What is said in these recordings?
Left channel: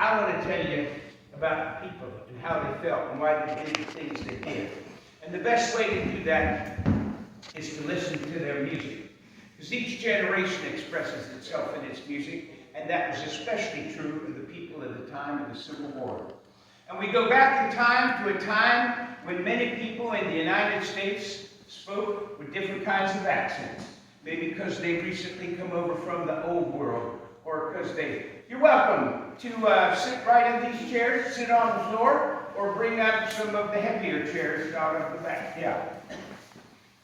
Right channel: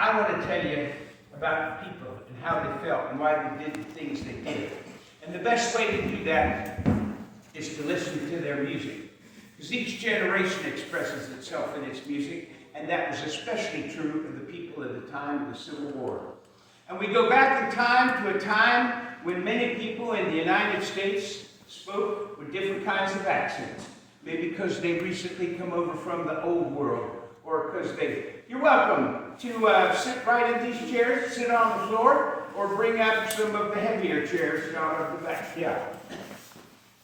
I want to tell you about people and how they felt and why they did the things they did. And the best way to do that is to listen to their music. Because each generation expresses itself in its music, and that was especially true of the people at the time of the Civil War. And we go back in time to a time when many people in the United States spoke with different kinds of accents. Maybe because they recently come over from the old world, or because you're welcome to sit right in these chairs, sit on the floor, or bring up some of the heavier chairs out of the back. Yeah.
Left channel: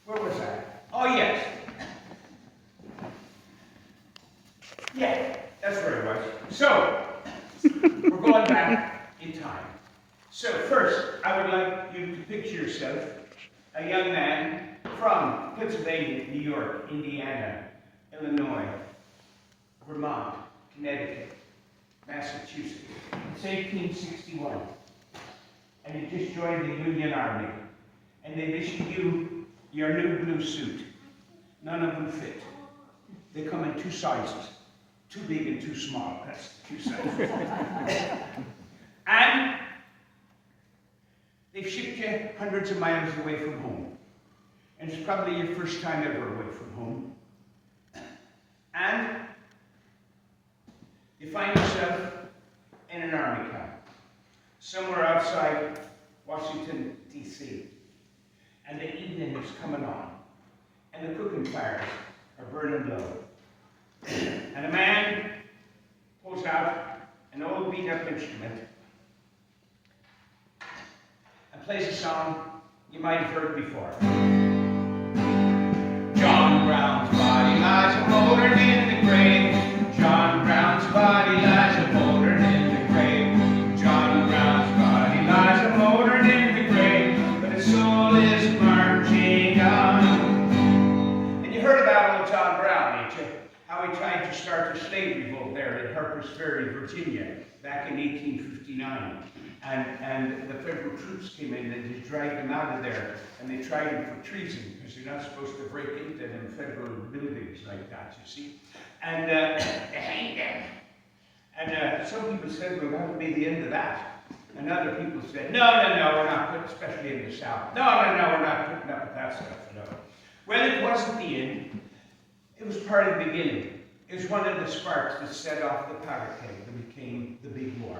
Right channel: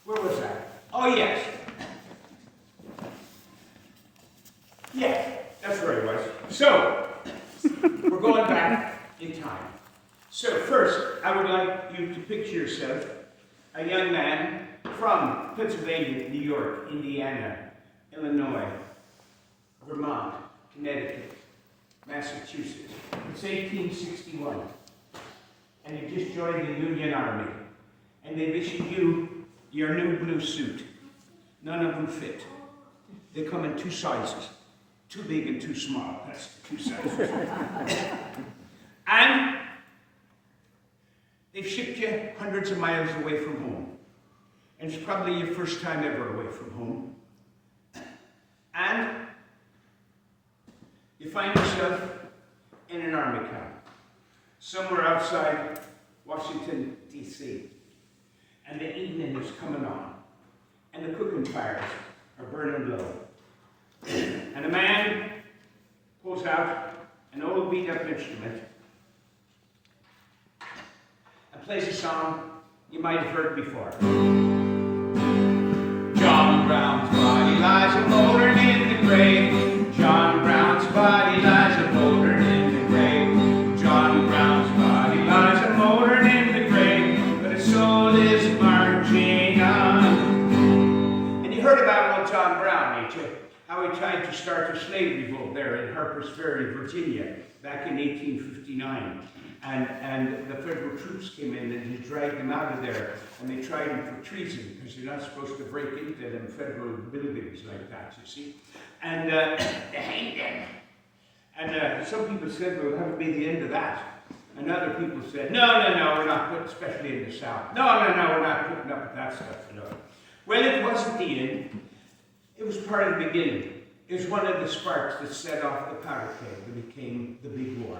Where was I? Oh, yes. Yeah, that's where it was. So, we're going back in time. So first, I would like you to picture yourself a young man from Pennsylvania, New York, Indiana, Illinois, Vermont, Connecticut, Massachusetts. It's 1861. And you just joined the Union Army. And they've issued you your new blue suit. None of them fit. They come in two sizes. Too big and too small. That's two sizes. And they've shipped you hundreds of miles away from home. And it's probably your first time ever away from home. And you find yourself in an army camp, somewhere outside Washington, D.C. And the evening is coming on, and the cooking fires are burning low. And a man pulls out an old beat-up instrument and plays a song you might have heard before. John Brown's body lies a-moldering in the grave. John Brown's body lies a-moldering in the grave. John Brown's body lies a-moldering in the grave, but his soul is marching on. And you heard about old John Brown, ain't you? How he tried to start a slave revolt there at Harper's Ferry, Virginia, back in 1859. And the federal troops came in and they dragged him out of there, and they tried him for treason, because you're not supposed to break into them federal buildings like that, you see. And they hanged him. And some people said, well, that would be the end of that. And other people said, no, we're not putting, especially in the South. No, we're not putting up with that stuff, no. Well, it wasn't the end. It was part of the beginning. It was one of the sparks that set off the powder keg that became the big war.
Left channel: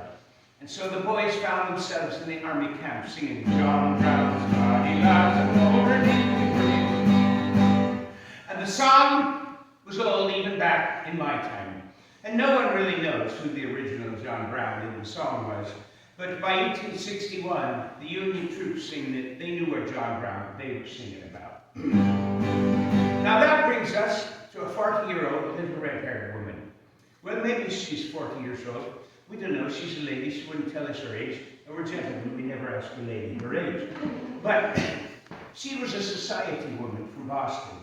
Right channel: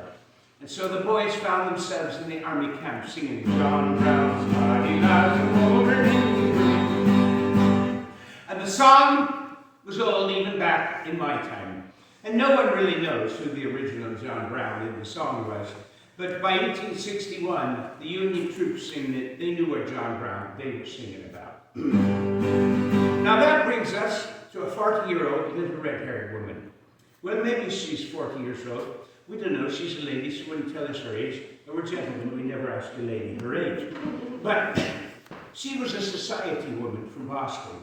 And so the boys found themselves in the army camp singing, John Brown's body lies a-moldering in the grave. And the song was old even back in my time. And no one really knows who the original John Brown in the song was. But by 1861, the Union troops singing it, they knew what John Brown they were singing about. Now that brings us to a 40-year-old little red-haired woman. Well, maybe she's 40 years old. We don't know. She's a lady. She wouldn't tell us her age. And we're gentlemen. We never ask a lady her age. But she was a society woman from Boston,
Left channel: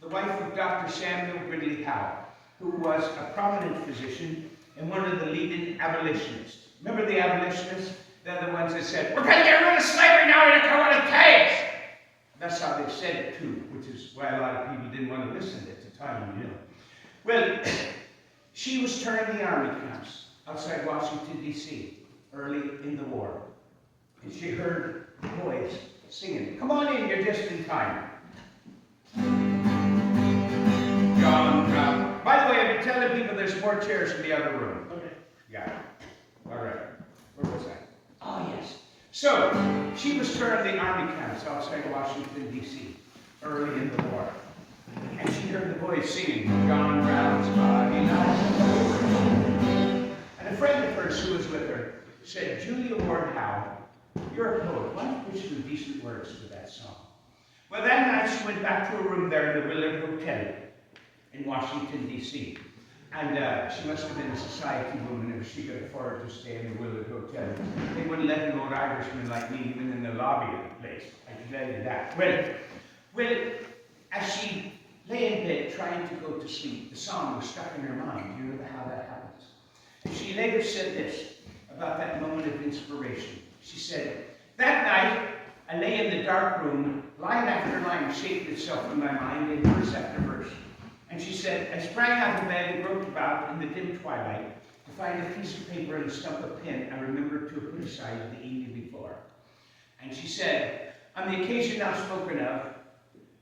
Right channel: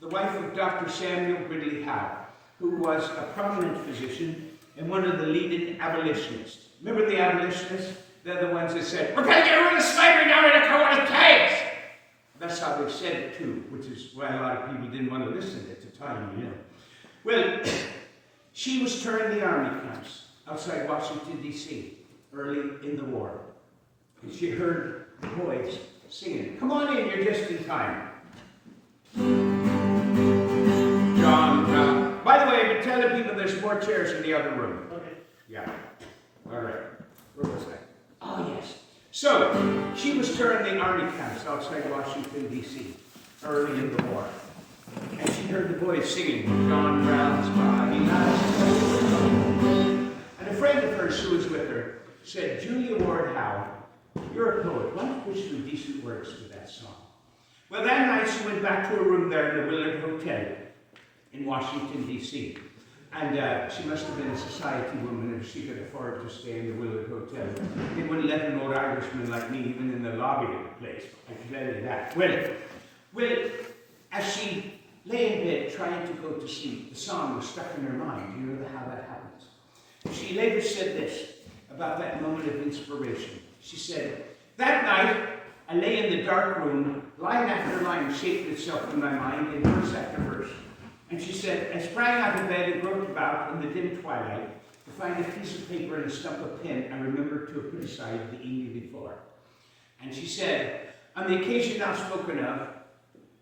the wife of Dr. Samuel Gridley Howe, who was a prominent physician and one of the leading abolitionists. Remember the abolitionists? They're the ones that said, we're going to get rid of slavery now, we're going to come out of caves. That's how they said it too, which is why a lot of people didn't want to listen at the time, you know. Well, she was touring the army camps outside Washington, D.C., early in the war. And she heard the boys singing, come on in, you're just in time. John Brown. By the way, I've been telling people there's more chairs in the other room. Okay. Yeah. All right. Where was I? Oh, yes. So, she was touring the army camps outside Washington, D.C., early in the war. And she heard the boys singing, John Brown's body lies. And a friend of hers who was with her said, Julia Ward Howe, you're a poet. Why don't you put some decent words to that song? Well, that night she went back to her room there in the Willard Hotel in Washington, D.C. And she must have been a society woman if she could afford to stay in the Willard Hotel. They wouldn't let an old Irishman like me even in the lobby of the place. I can tell you that. Well, as she lay in bed trying to go to sleep, the song was stuck in her mind. You know how that happens. She later said this about that moment of inspiration. She said, that night, I lay in the dark room, line after line shaped itself in my mind in verse after verse. And she said, I sprang out of bed and groped about in the dim twilight, to find a piece of paper and a stump of pen I remembered to have put aside the evening before. And she said, on the occasion now spoken of,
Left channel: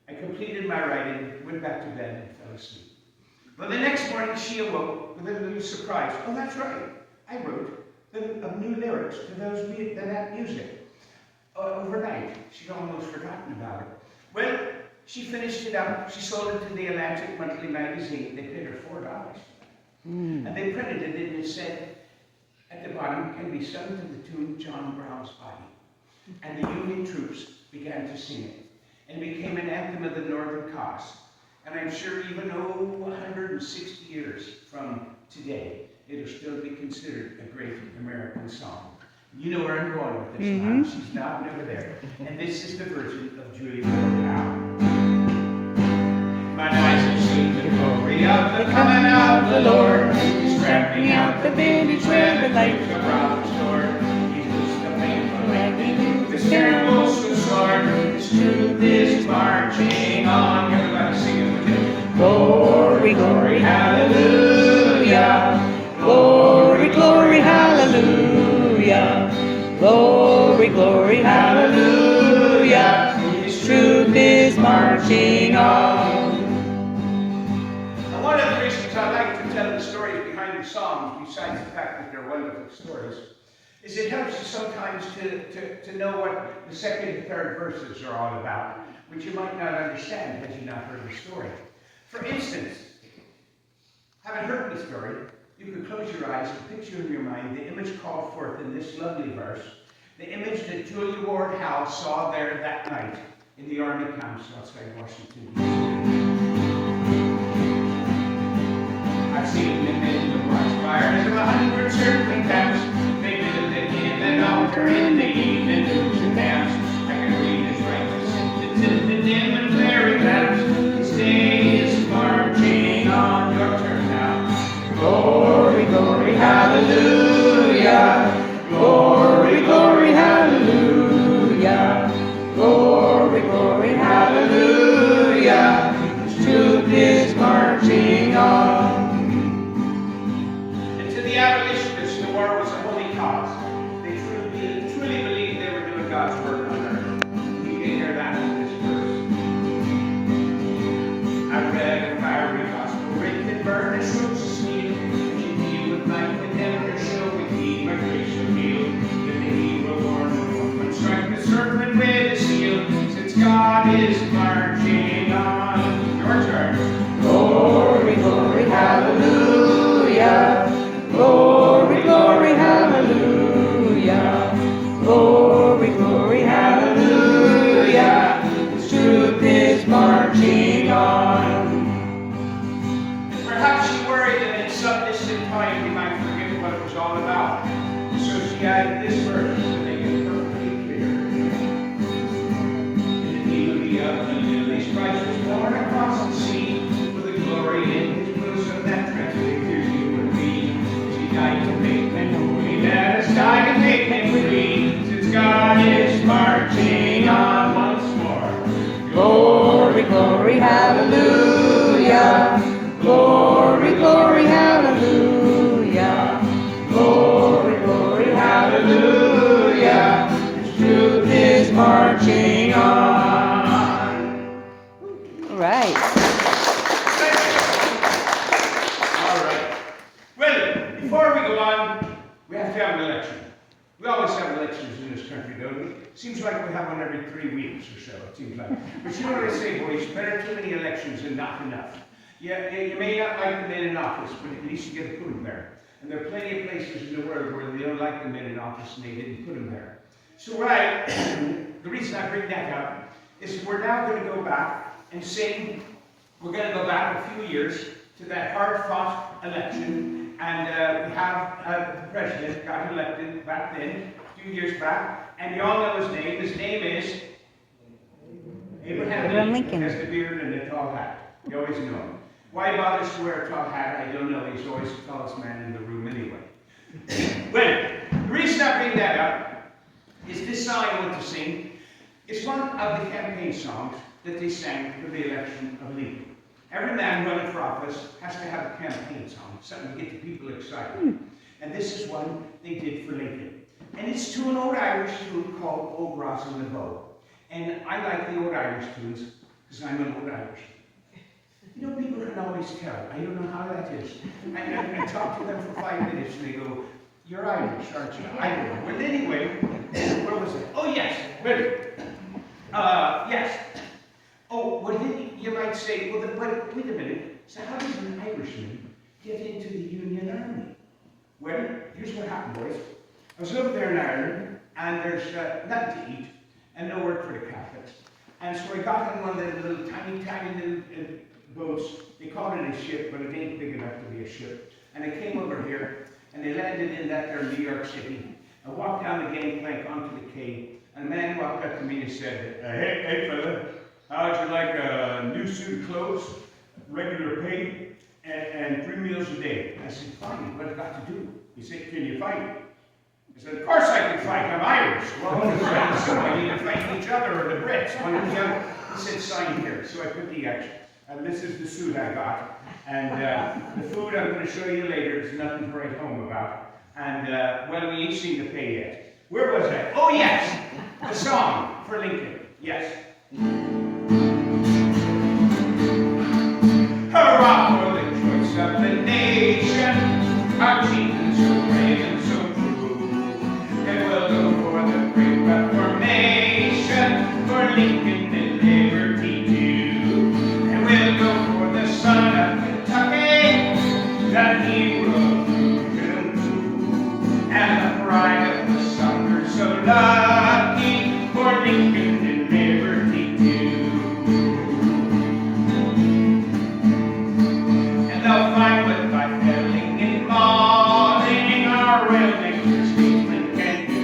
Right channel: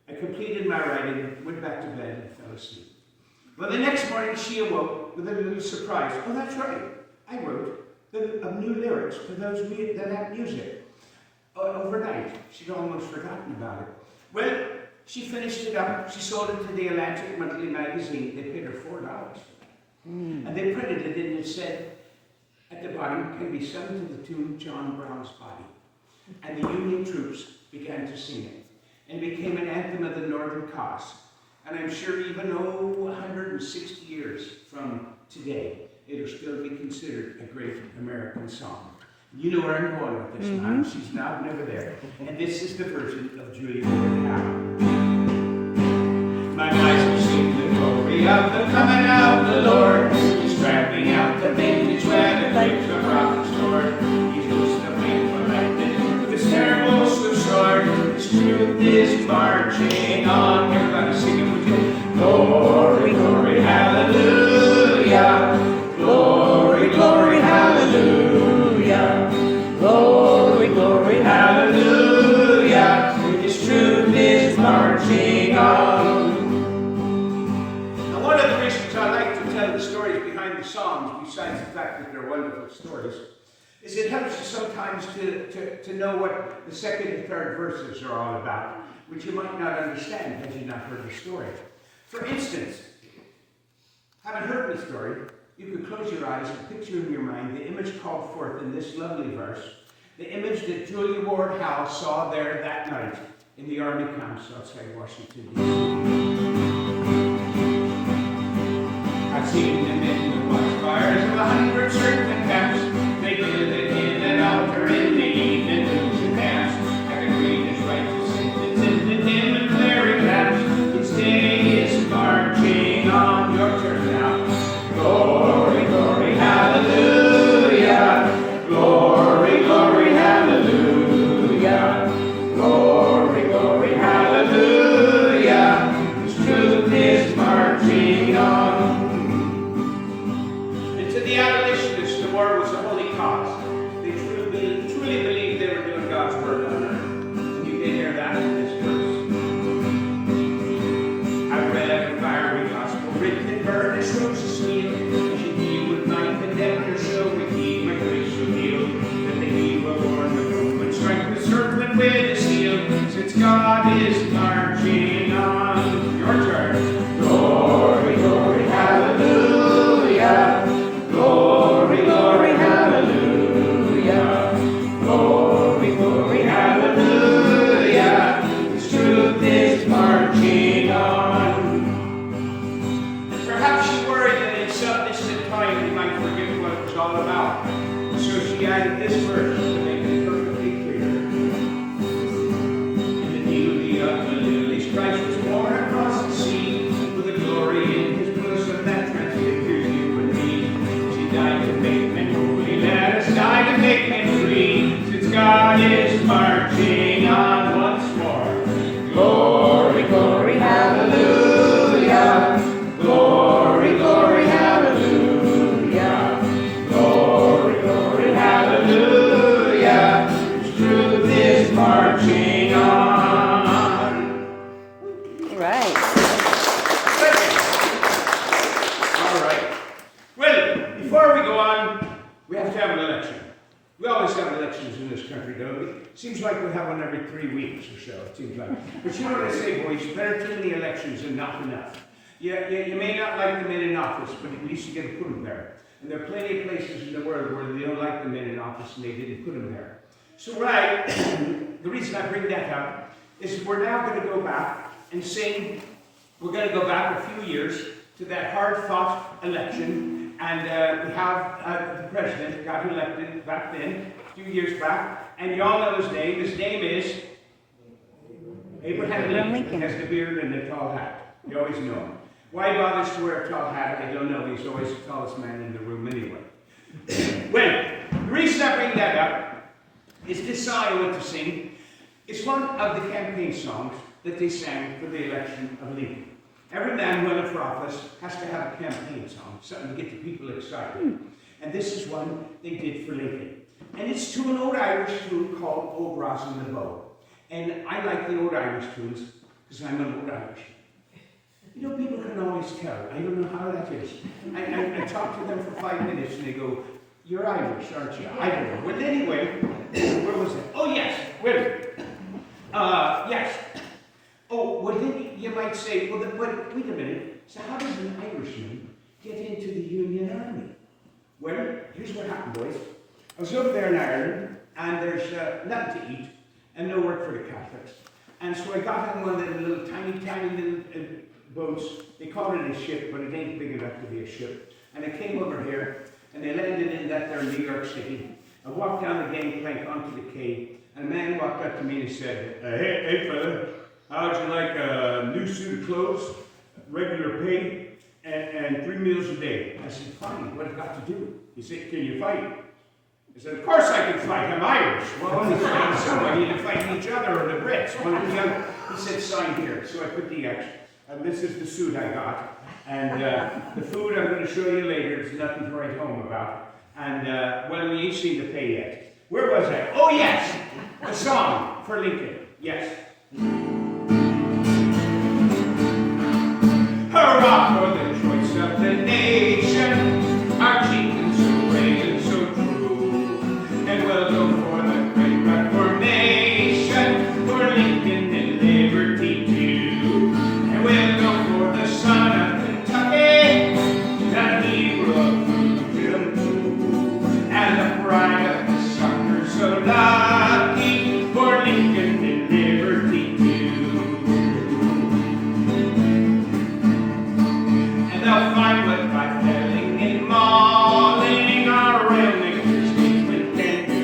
I completed my writing, went back to bed, and fell asleep. Well, the next morning she awoke with a little surprise. Oh, that's right. I wrote new lyrics to that music. Overnight. She'd almost forgotten about it. Well, she finished it up. She sold it to the Atlantic Monthly magazine. They paid her $4 for that. And they printed it, and it said, at the bottom, can be sung to the tune John Brown's Body. And the Union troops began to sing it. And it became an anthem of the Northern cause. And I'm sure even 160 years from today, it'll still be considered a great American song. You know where I'm going with this now. She's nodding over there. And this is the version of Julia Ward Howe. My eyes have seen the glory of the coming of the Lord. He's tramping out the vintage where the grapes are brought to store. He's loosed the painful lightning with his terrible sword. His truth is marching on. Everybody sing it with me. Glory, glory, hallelujah. Glory, glory, hallelujah. Glory, glory, hallelujah. His truth is marching on. Now, one of the reasons I like to tell the stories behind the songs, besides the fact that they're wonderful stories, is it helps you sometimes to know what the second and third verses are all about, which you might not understand had you not heard the story. For instance, having heard the story, you can close your eyes and picture in your mind the image called forth in this lovely verse, the image that Julia Ward Howe saw there that night in the army camps outside Washington, D.C. I've seen the men who watch fires of 100 circling camps. They build it in an altar in the evening news and camps. I can read his righteous sentence in the dim and glaring lamps. Its day is marching on. Your turn now. Glory, glory, hallelujah. Glory, glory, hallelujah. Glory, glory, hallelujah. His truth is marching on. And to the abolitionists, the war was a holy cause. They truly believed they were doing God's work on earth. And you can hear that in this verse. I read a fiery gospel written in burnished ropes of steel. As you deal with my condemned show, we keep my grace revealed. That the hero born the Roman strike the serpent with a seal. Since God is marching on. Your turn. Glory, glory, hallelujah. Glory, glory, hallelujah. Glory, glory, hallelujah. His truth is marching on. And perhaps you worried that in some distant time you might forget what it was all about. So she added this verse to make it perfectly clear. In the beauty of the lilies, Christ was born across the sea, with the glory in his bosom that transfigured you and me. As he died to make men holy, let us die to make men free. Since God is marching on once more. Glory, glory, hallelujah. Glory, glory, hallelujah. Glory, glory, hallelujah. His truth is marching on. All right. All right. Well, before we go on, we have to have an election. We always have elections in this country, don't we? Seems like we have one every 3 weeks or so, it seems like. But you know what I say, boys? Better too many elections than not enough. Yeah, you may not like the men in office, but at least you get to put them there. And there are plenty of places in the world where they don't like the men in office and they didn't put them there. So, right, the reason I bring that up is we're now going to go back and say, we're going to go back a few years to that hard-fought election. And we have the president got elected back then, a few years back. And you all know his name. His name is Abraham Lincoln. He has the beard and the tall hat. You always know him. Why he bothers to wear a tall hat, I don't know. He's always the tallest man in the room anyway. Well, the reason I bring that up is this song I want to sing. It's one of the campaign songs that they sang for the election of Lincoln. Every man running for office has to have a campaign song, something to get the people excited. And this is one they did for Lincoln. And it's to an old Irish tune called Old Rosin the Bow. And I like the old Irish tunes because I'm an old Irish. You know, people can always tell. I don't know how that is. I talk to them for 5 minutes and they go, "You're Irish, aren't you?" I don't know. Well, anyway, where was it? Oh, yes, wait. Yes. Oh, well, then you might say, well, wait a minute. So how does an Irishman get into the Union Army? Well, here's what happened, boys. I was over there in Ireland, and there's nothing to eat, and no work for the Catholics. And so I got in one of the little tiny little boats. They call it a ship, but it ain't big enough to be a ship. And I came over here, and they landed in that there New York City. I walked down the gangplank onto the quay, and a man walked up to me and said, hey fella, how'd you like a new suit of clothes, regular pay, and 3 meals a day? I said, fine, what have I got to do? He said, can you fight? I said, of course I can fight, I'm Irish. Well, I'm fighting somebody, either fighting each other or the Brits, one or the other. He said, sign here. So I put the X. And this is the suit I got. And the food I'm going to show you later is nothing to write home about. And, well, we ain't seen the pay yet. Where was I? Oh, yes! The song for Lincoln. Yes. Hurrah for the choice of the nation, our chieftains so brave and so true. And we'll go for the great Reformation, for Lincoln and liberty too. And we'll go for the son of Kentucky, the hero of freedom, and the pride of the summer so lucky, for Lincoln and liberty too. And they'll find what by felling and mauling our real nature's statesmen can do.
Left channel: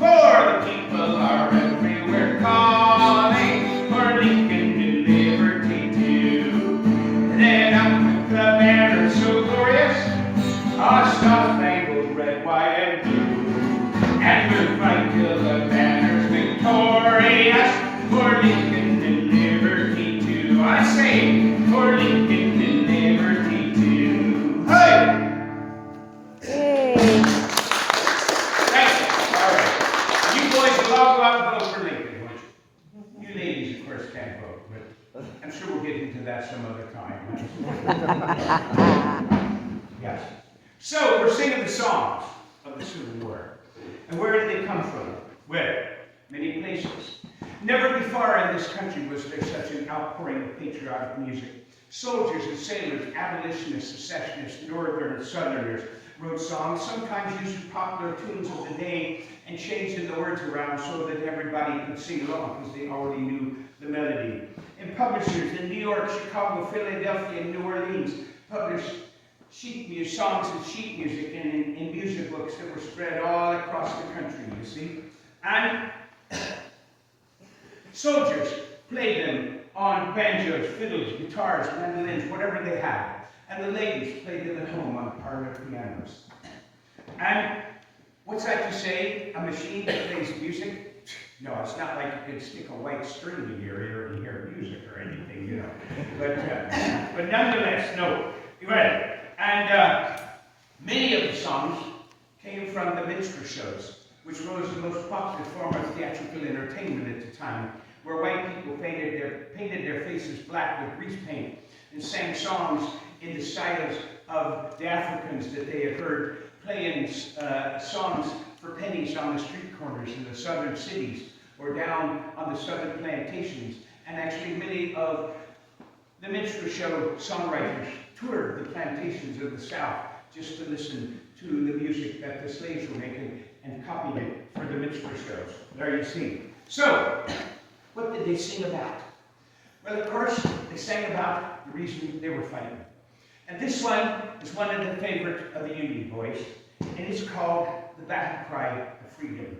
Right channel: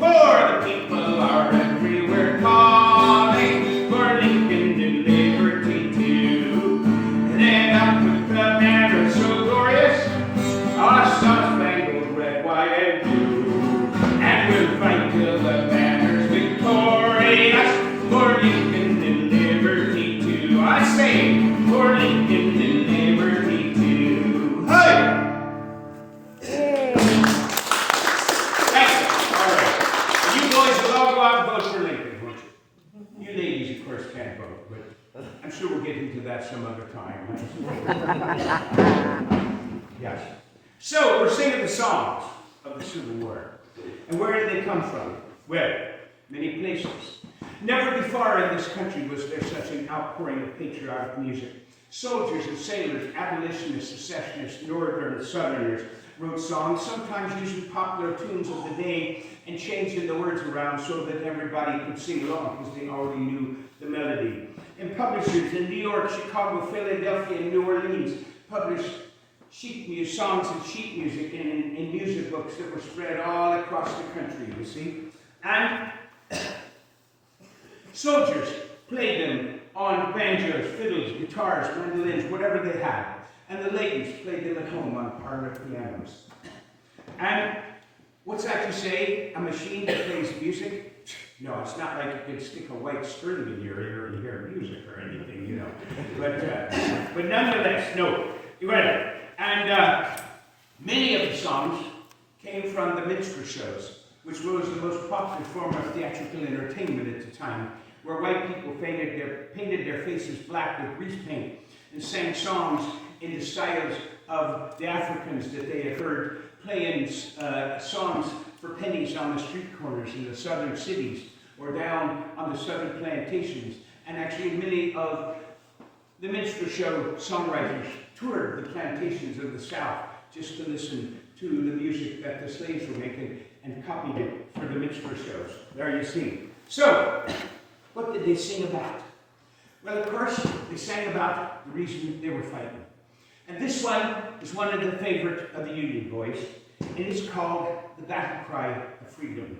For the people are everywhere calling, for Lincoln and liberty too. And then up with the banner so glorious, our star-spangled red, white, and blue. And we'll fight till the banner's victorious, for Lincoln and liberty too. I say, for Lincoln and liberty too. Hey! Yay. Thank you. All right. You boys will all go out and vote for Lincoln, won't you? You ladies, of course, can't vote, but I'm sure we'll get into that some other time. Yes. So, we're singing the songs of the Civil War. And where did they come from? Well, many places. Never before in this country was there such an outpouring of patriotic music. Soldiers and sailors, abolitionists, secessionists, northern and southerners wrote songs, sometimes using popular tunes of the day and changing the words around so that everybody could sing along because they already knew the melody. And publishers in New York, Chicago, Philadelphia, and New Orleans published songs and sheet music in music books that were spread all across the country, you see. And soldiers played them on banjos, fiddles, guitars, mandolins, whatever they had. And the ladies played them at home on parlor pianos. And what's that you say? A machine that plays music? No, it's not like you can stick a white string in your ear and hear music or anything, you know. But nonetheless, no. Well, and many of the songs came from the minstrel shows, which was the most popular form of theatrical entertainment at the time, where white people painted their faces black with grease paint and sang songs in the styles of the Africans that they had heard playing songs for pennies on the street corners in the southern cities or down on the southern plantations. And actually many of the minstrel show songwriters toured the plantations of the South just to listen to the music that the slaves were making and copied it for the minstrel shows. There you see. So, what did they sing about? Well, of course, they sang about the reason they were fighting. And this one is one of the favorite of the Union boys. It is called the Battle Cry of Freedom.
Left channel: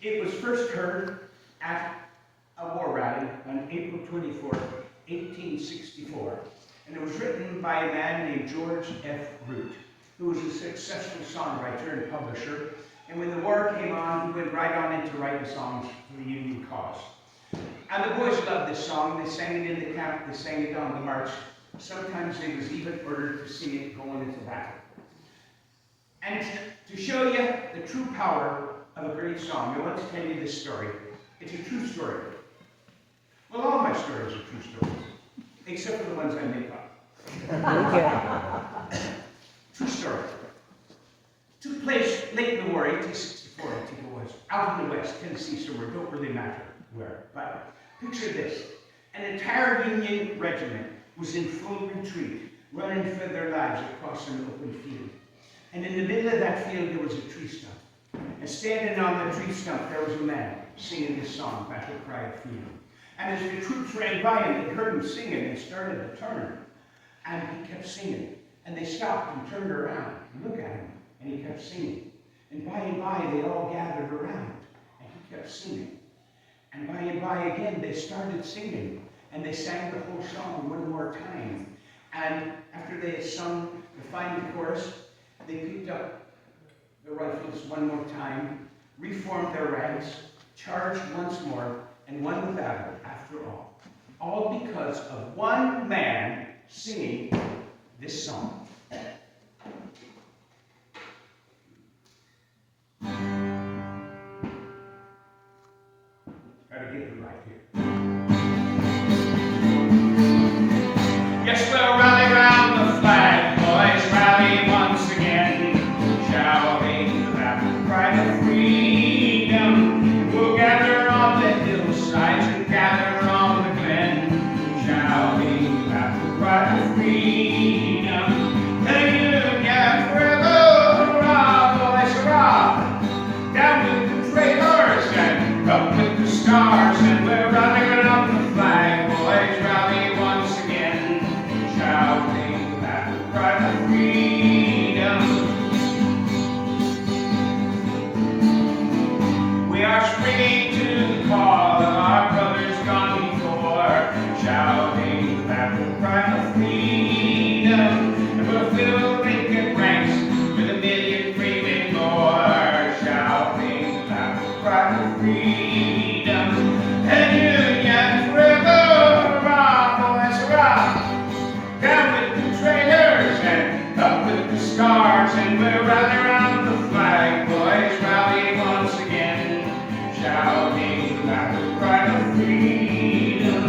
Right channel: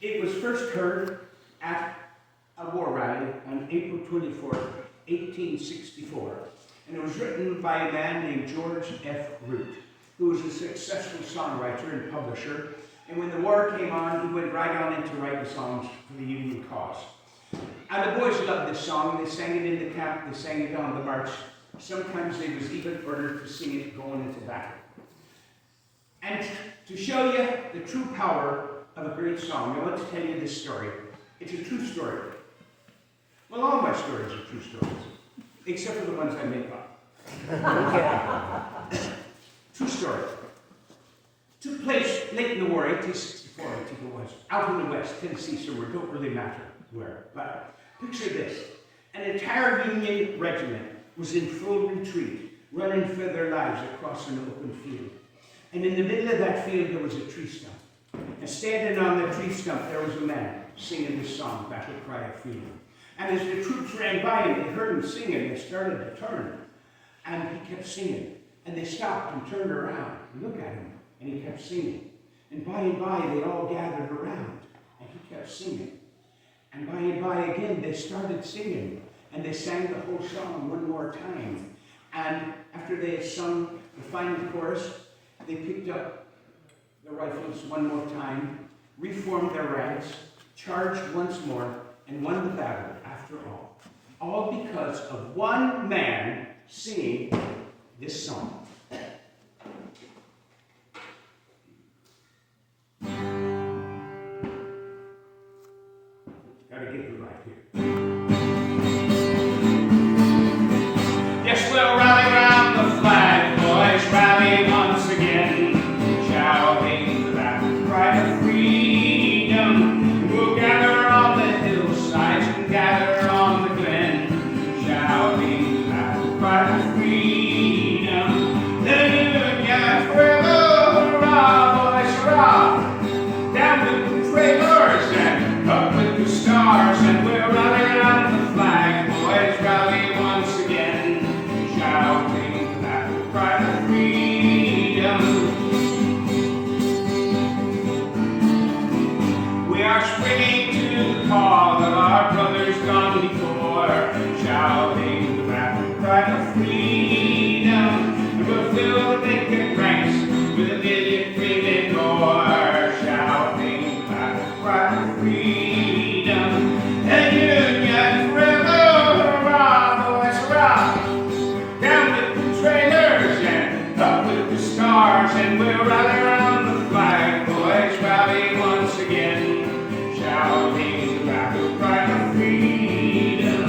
It was first heard at a war rally on April 24th, 1864. And it was written by a man named George F. Root, who was a successful songwriter and publisher. And when the war came on, he went right on into writing songs for the Union cause. And the boys loved this song. They sang it in the camp. They sang it on the march. Sometimes they was even ordered to sing it going into battle. And to show you the true power of a great song, I want to tell you this story. It's a true story. Well, all my stories are true stories, except for the ones I make up. True story. Took place late in the war, 1864, I think it was, out in the West, Tennessee, somewhere, don't really matter where. But picture this. An entire Union regiment was in full retreat, running for their lives across an open field. And in the middle of that field, there was a tree stump. And standing on the tree stump, there was a man singing this song, Battle Cry of Freedom. And as the troops ran by him, they heard him singing and started to turn. And he kept singing. And they stopped and turned around and looked at him. And he kept singing. And by, they all gathered around. And he kept singing. And by again, they started singing. And they sang the whole song one more time. And after they had sung the final chorus, they picked up the rifles one more time, reformed their ranks, charged once more, and won the battle after all. All because of one man singing this song. Gotta get it right here. Yes, we'll rally round the flag, boys, rally once again, shouting the battle cry of freedom. And we'll gather on the hillsides and gather on the glen, shouting the battle cry of freedom. The Union forever, hurrah, boys, hurrah! Down with the trailers and up with the stars, and we'll rally around the flag, boys, rally once again, shouting the battle cry of freedom. We are springing to the call of our brothers gone before, shouting the battle cry of freedom. And we'll fill the vacant ranks with 1,000,000 brave and more, shouting the battle cry of freedom. And Union forever, hurrah, boys, hurrah! Down with the trailers and up with the stars, and we'll rally around the flag, boys, rally once again, shouting the battle cry of freedom.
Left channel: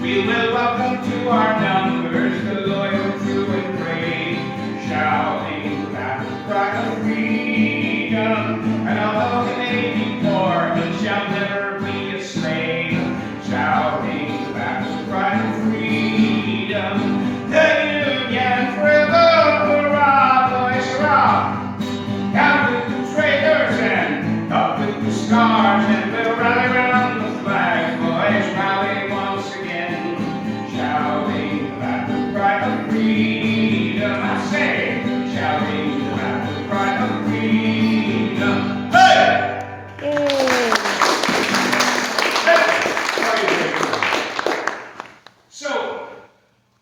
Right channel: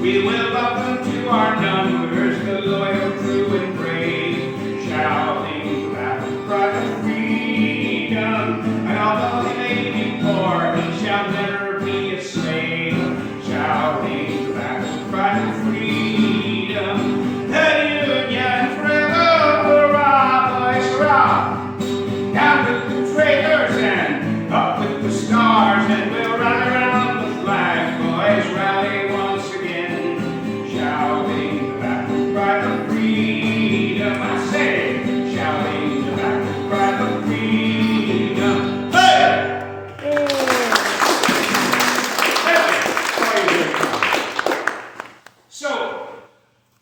We will welcome to our numbers the loyal, true, and brave, shouting the battle cry of freedom. And although he may be poor, he shall never be a slave, shouting the battle cry of freedom. The Union forever, hurrah, boys, hurrah! Down with the trailers and up with the stars, and we'll rally around the flag, boys, rally once again, shouting the battle cry of freedom. I say, shouting the battle cry of freedom. Hey! So,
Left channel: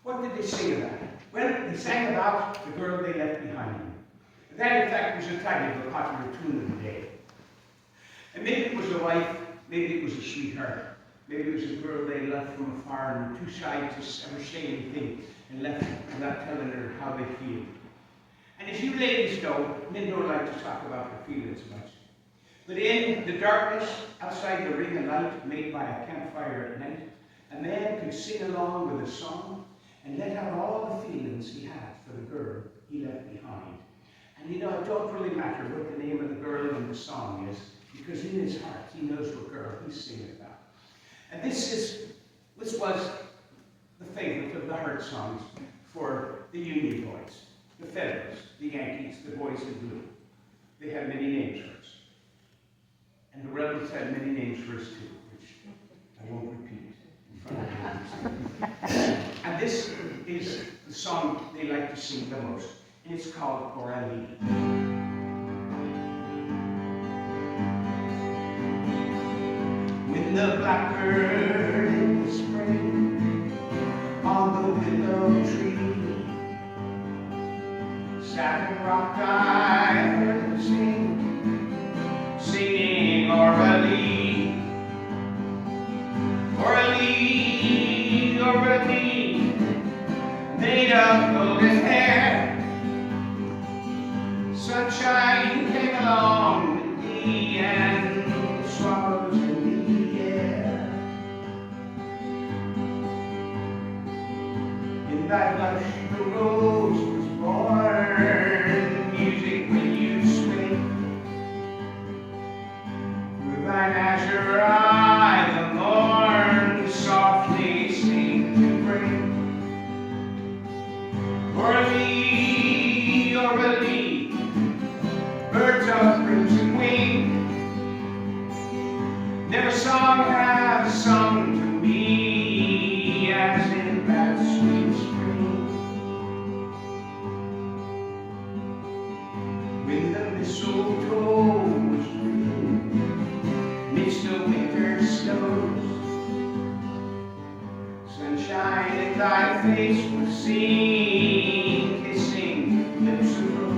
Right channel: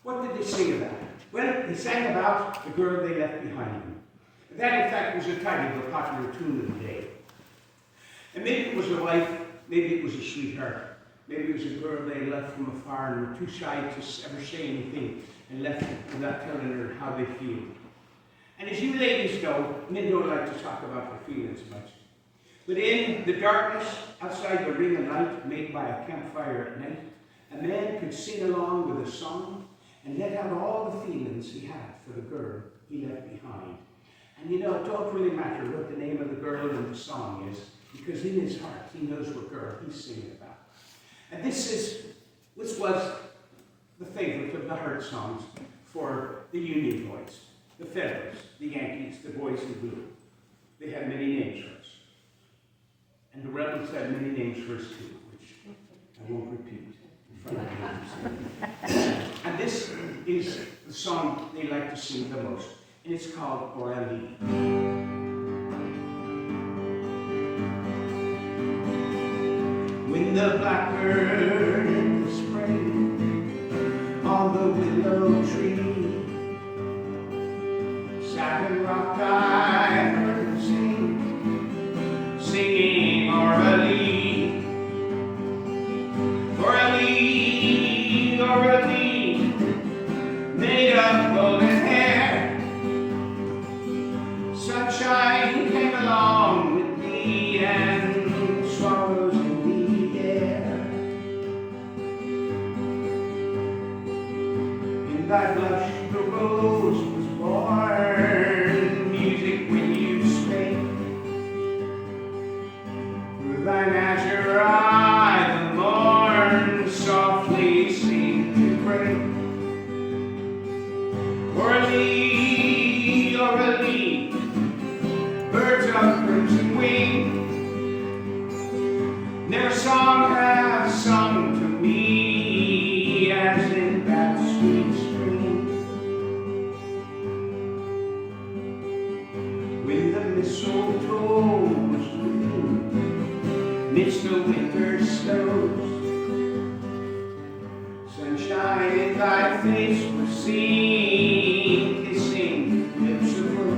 what did they sing about? Well, they sang about the girl they left behind them. That, in fact, was the title of a popular tune of the day. And maybe it was a wife, maybe it was a sweetheart, maybe it was a girl they left from afar and were too shy to ever say anything and left without telling her how they feel. And as you ladies know, men don't like to talk about their feelings much. But in the darkness, outside the ring of light made by a campfire at night, a man could sing along with a song and let out all the feelings he had for the girl he left behind. And you know, it don't really matter what the name of the girl in the song is, because in his heart, he knows what girl he's singing about. And this was the favorite of the heart songs for the Union boys, the Federals, the Yankees, the boys in blue. They had many names for us. And the Rebels had many names for us too, which I won't repeat in front of you. And this is the song they like to sing the most, and it's called Orally. When the blackbird in the spring on the willow tree sat and rocked, I heard her sing, singing Orally, Orally, Orally, made of golden hair, Sunshine came along with me and swallows in the air. In thy blush the rose was born, music when you spake. Through thine azure eye the morn softly seemed to break. O'er thee, birds of crimson wing, never song hath sung to me as in that sweet spring, when the mistletoe was green midst the winter snows. Sunshine in thy face was seen, kissing lips of rose.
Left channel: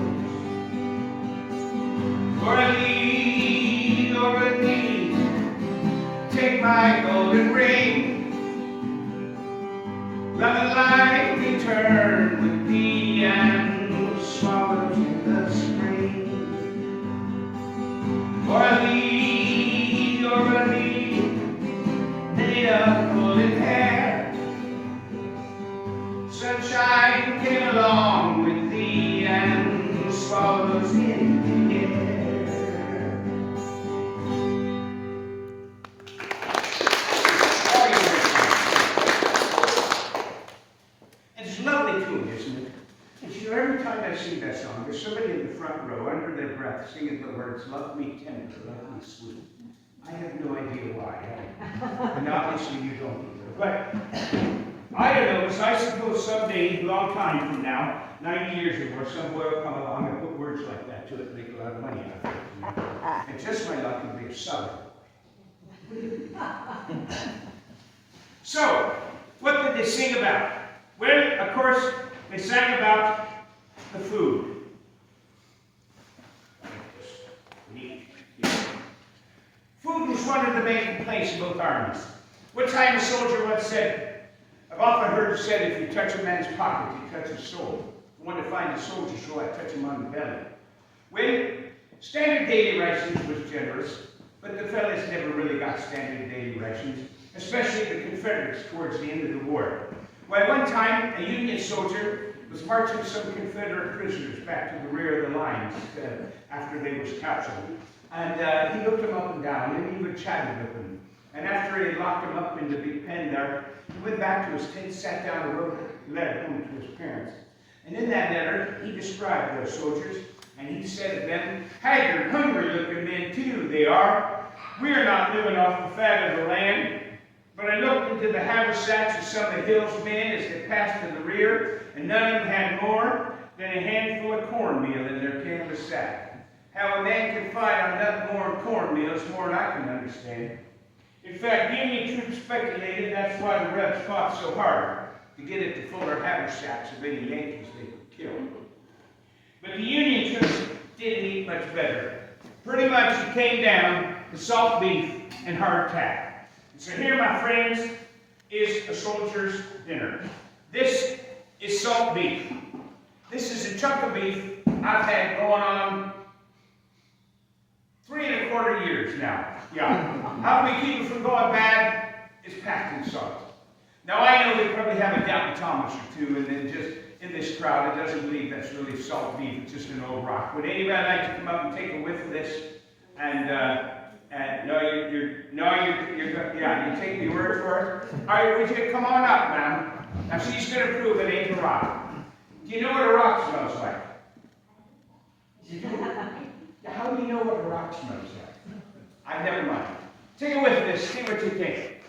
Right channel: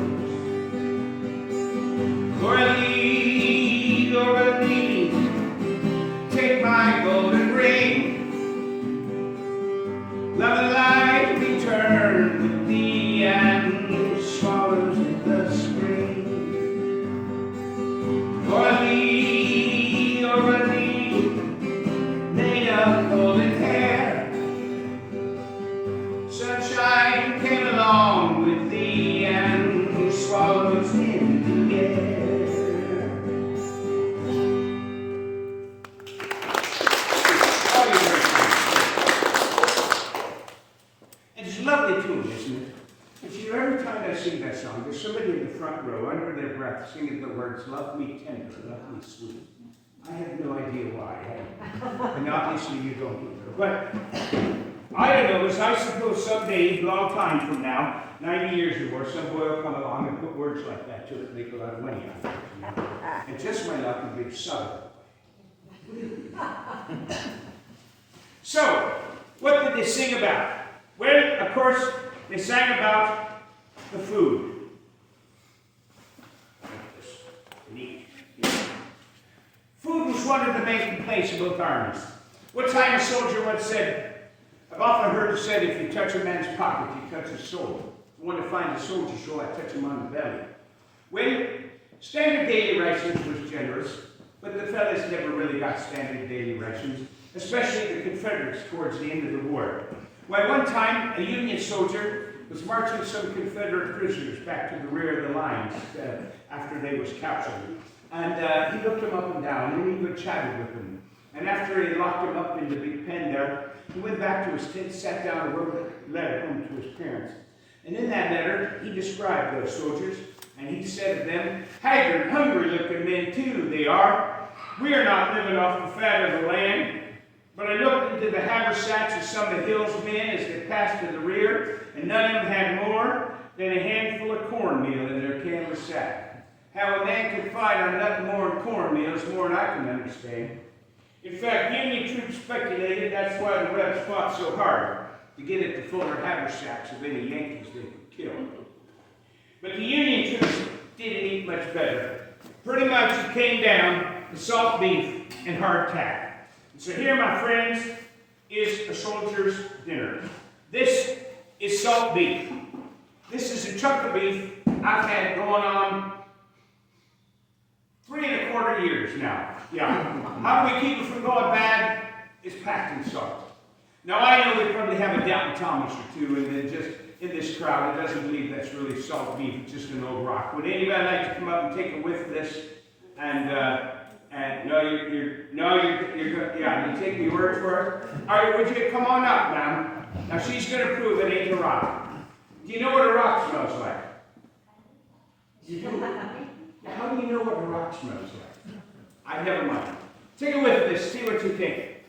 O'er thee, take my golden ring. Love and light return with thee and swallows in the spring. O'er thee, made of golden hair. Sunshine came along with thee and swallows in the air. It's a lovely tune, isn't it? And you know, every time I sing that song, there's somebody in the front row, under their breath, singing the words, "Love me tender, love me sweet." I have no idea why. And obviously you don't either. But I don't know, as I suppose someday, a long time from now, 90 years or more, some boy will come along and put words like that to it and make a lot of money out of it. You know? And just my luck and be a southern boy. So, what did they sing about? Well, of course, they sang about the food. Food was one of the main complaints in both armies. One time a soldier once said, I've often heard it said, if you touch a man's pocket, you touch his soul. If you want to find a soldier, so I touch him on the belly. Well, standard daily rations was generous, but the fellas never really got standard daily rations, especially the Confederates towards the end of the war. Well, one time, a Union soldier was marching some Confederate prisoners back to the rear of the lines after they was captured. And he looked them up and down, and he would chat with them. And after he locked them up in the big pen there, he went back to his tent, sat down, and wrote a letter home to his parents. And in that letter, he described those soldiers, and he said to them, haggard, hungry-looking men, too, they are. We are not living off the fat of the land. But I looked into the haversacks of some of the Hill's men as they passed to the rear, and none of them had more than a handful of cornmeal in their canvas sack. How a man can fight on nothing more than cornmeal is more than I can understand. In fact, Union troops speculated that's why the Rebs fought so hard, to get at the fuller haversacks of any Yankees they could kill. But the Union troops didn't eat much better. Pretty much it came down to salt beef and hardtack. And so here, my friends, is a soldier's dinner. This is salt beef. This is a chunk of beef I've had going on 3 1/4 years now. Yeah. How can we keep it from going bad? It's packed in salt. Now I know we probably have a Doubting Thomas or two, and then just in this crowd that doesn't believe that's really salt beef, it's just an old rock. Would anybody like to come up and take a whiff of this? And you take your word for it. All right, would you come on up, ma'am? Now she's going to prove it ain't a rock. Do you know what a rock smells like? You do. How do you know what a rock smells like? I never mind. Take a whiff of this. See what you think.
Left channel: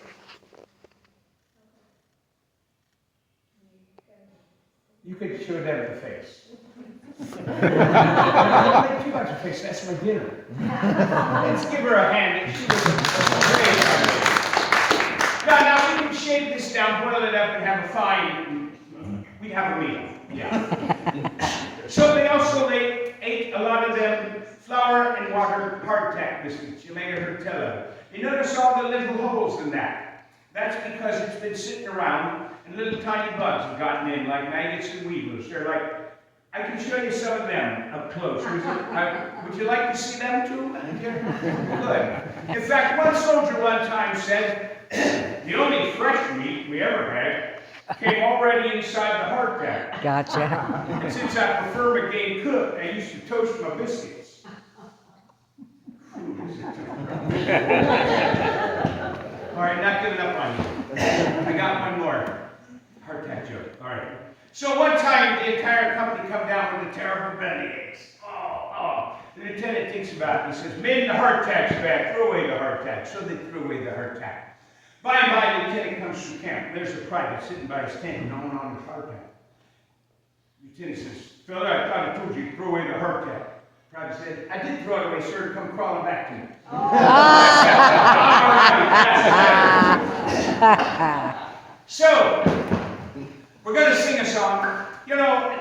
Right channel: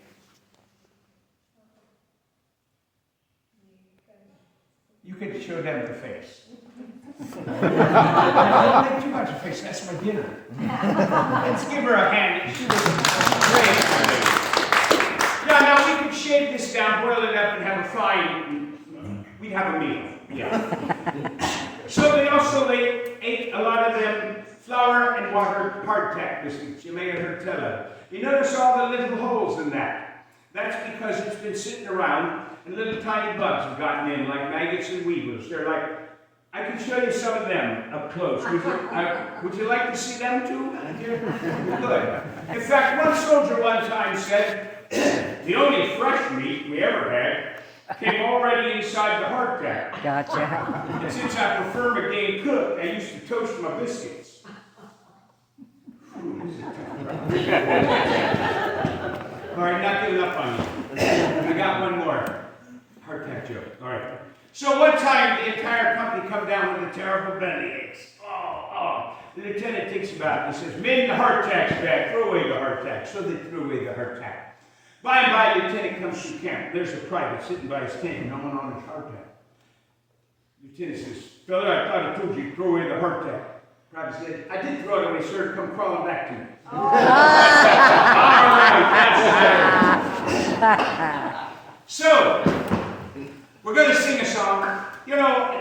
You could show them the face. Don't make too much of a face. That's my dinner. Let's give her a hand. She was great. Now we can shake this down, boil it up, and have a fine. We'd have a meal. Yeah. So they also ate a lot of them flour and water hardtack biscuits. You may have heard tell of. You notice all the little holes in that. That's because it's been sitting around and little tiny bugs have gotten in, like maggots and weevils. They're like I can show you some of them up close. Would you like to see them too? Good. In fact, one soldier one time said, the only fresh meat we ever had came already inside the hardtack. Gotcha. And since I prefer my game cooked, I used to toast my biscuits. All right, not giving up on you. I got one more hardtack joke. All right. So one time, the entire company come down with a terrible bellyaches. The lieutenant thinks about it and says, "Men, the hardtack's bad. Throw away the hardtack." So they threw away the hardtack. By and by, the lieutenant comes from camp. There's a private sitting by his tent, gnawing on his hardtack. Lieutenant says, "Fella, I thought I told you to throw away the hardtack." Private said, "I did throw it away, sir. Come crawling back to me." All right. So, we're going to sing a song. You know,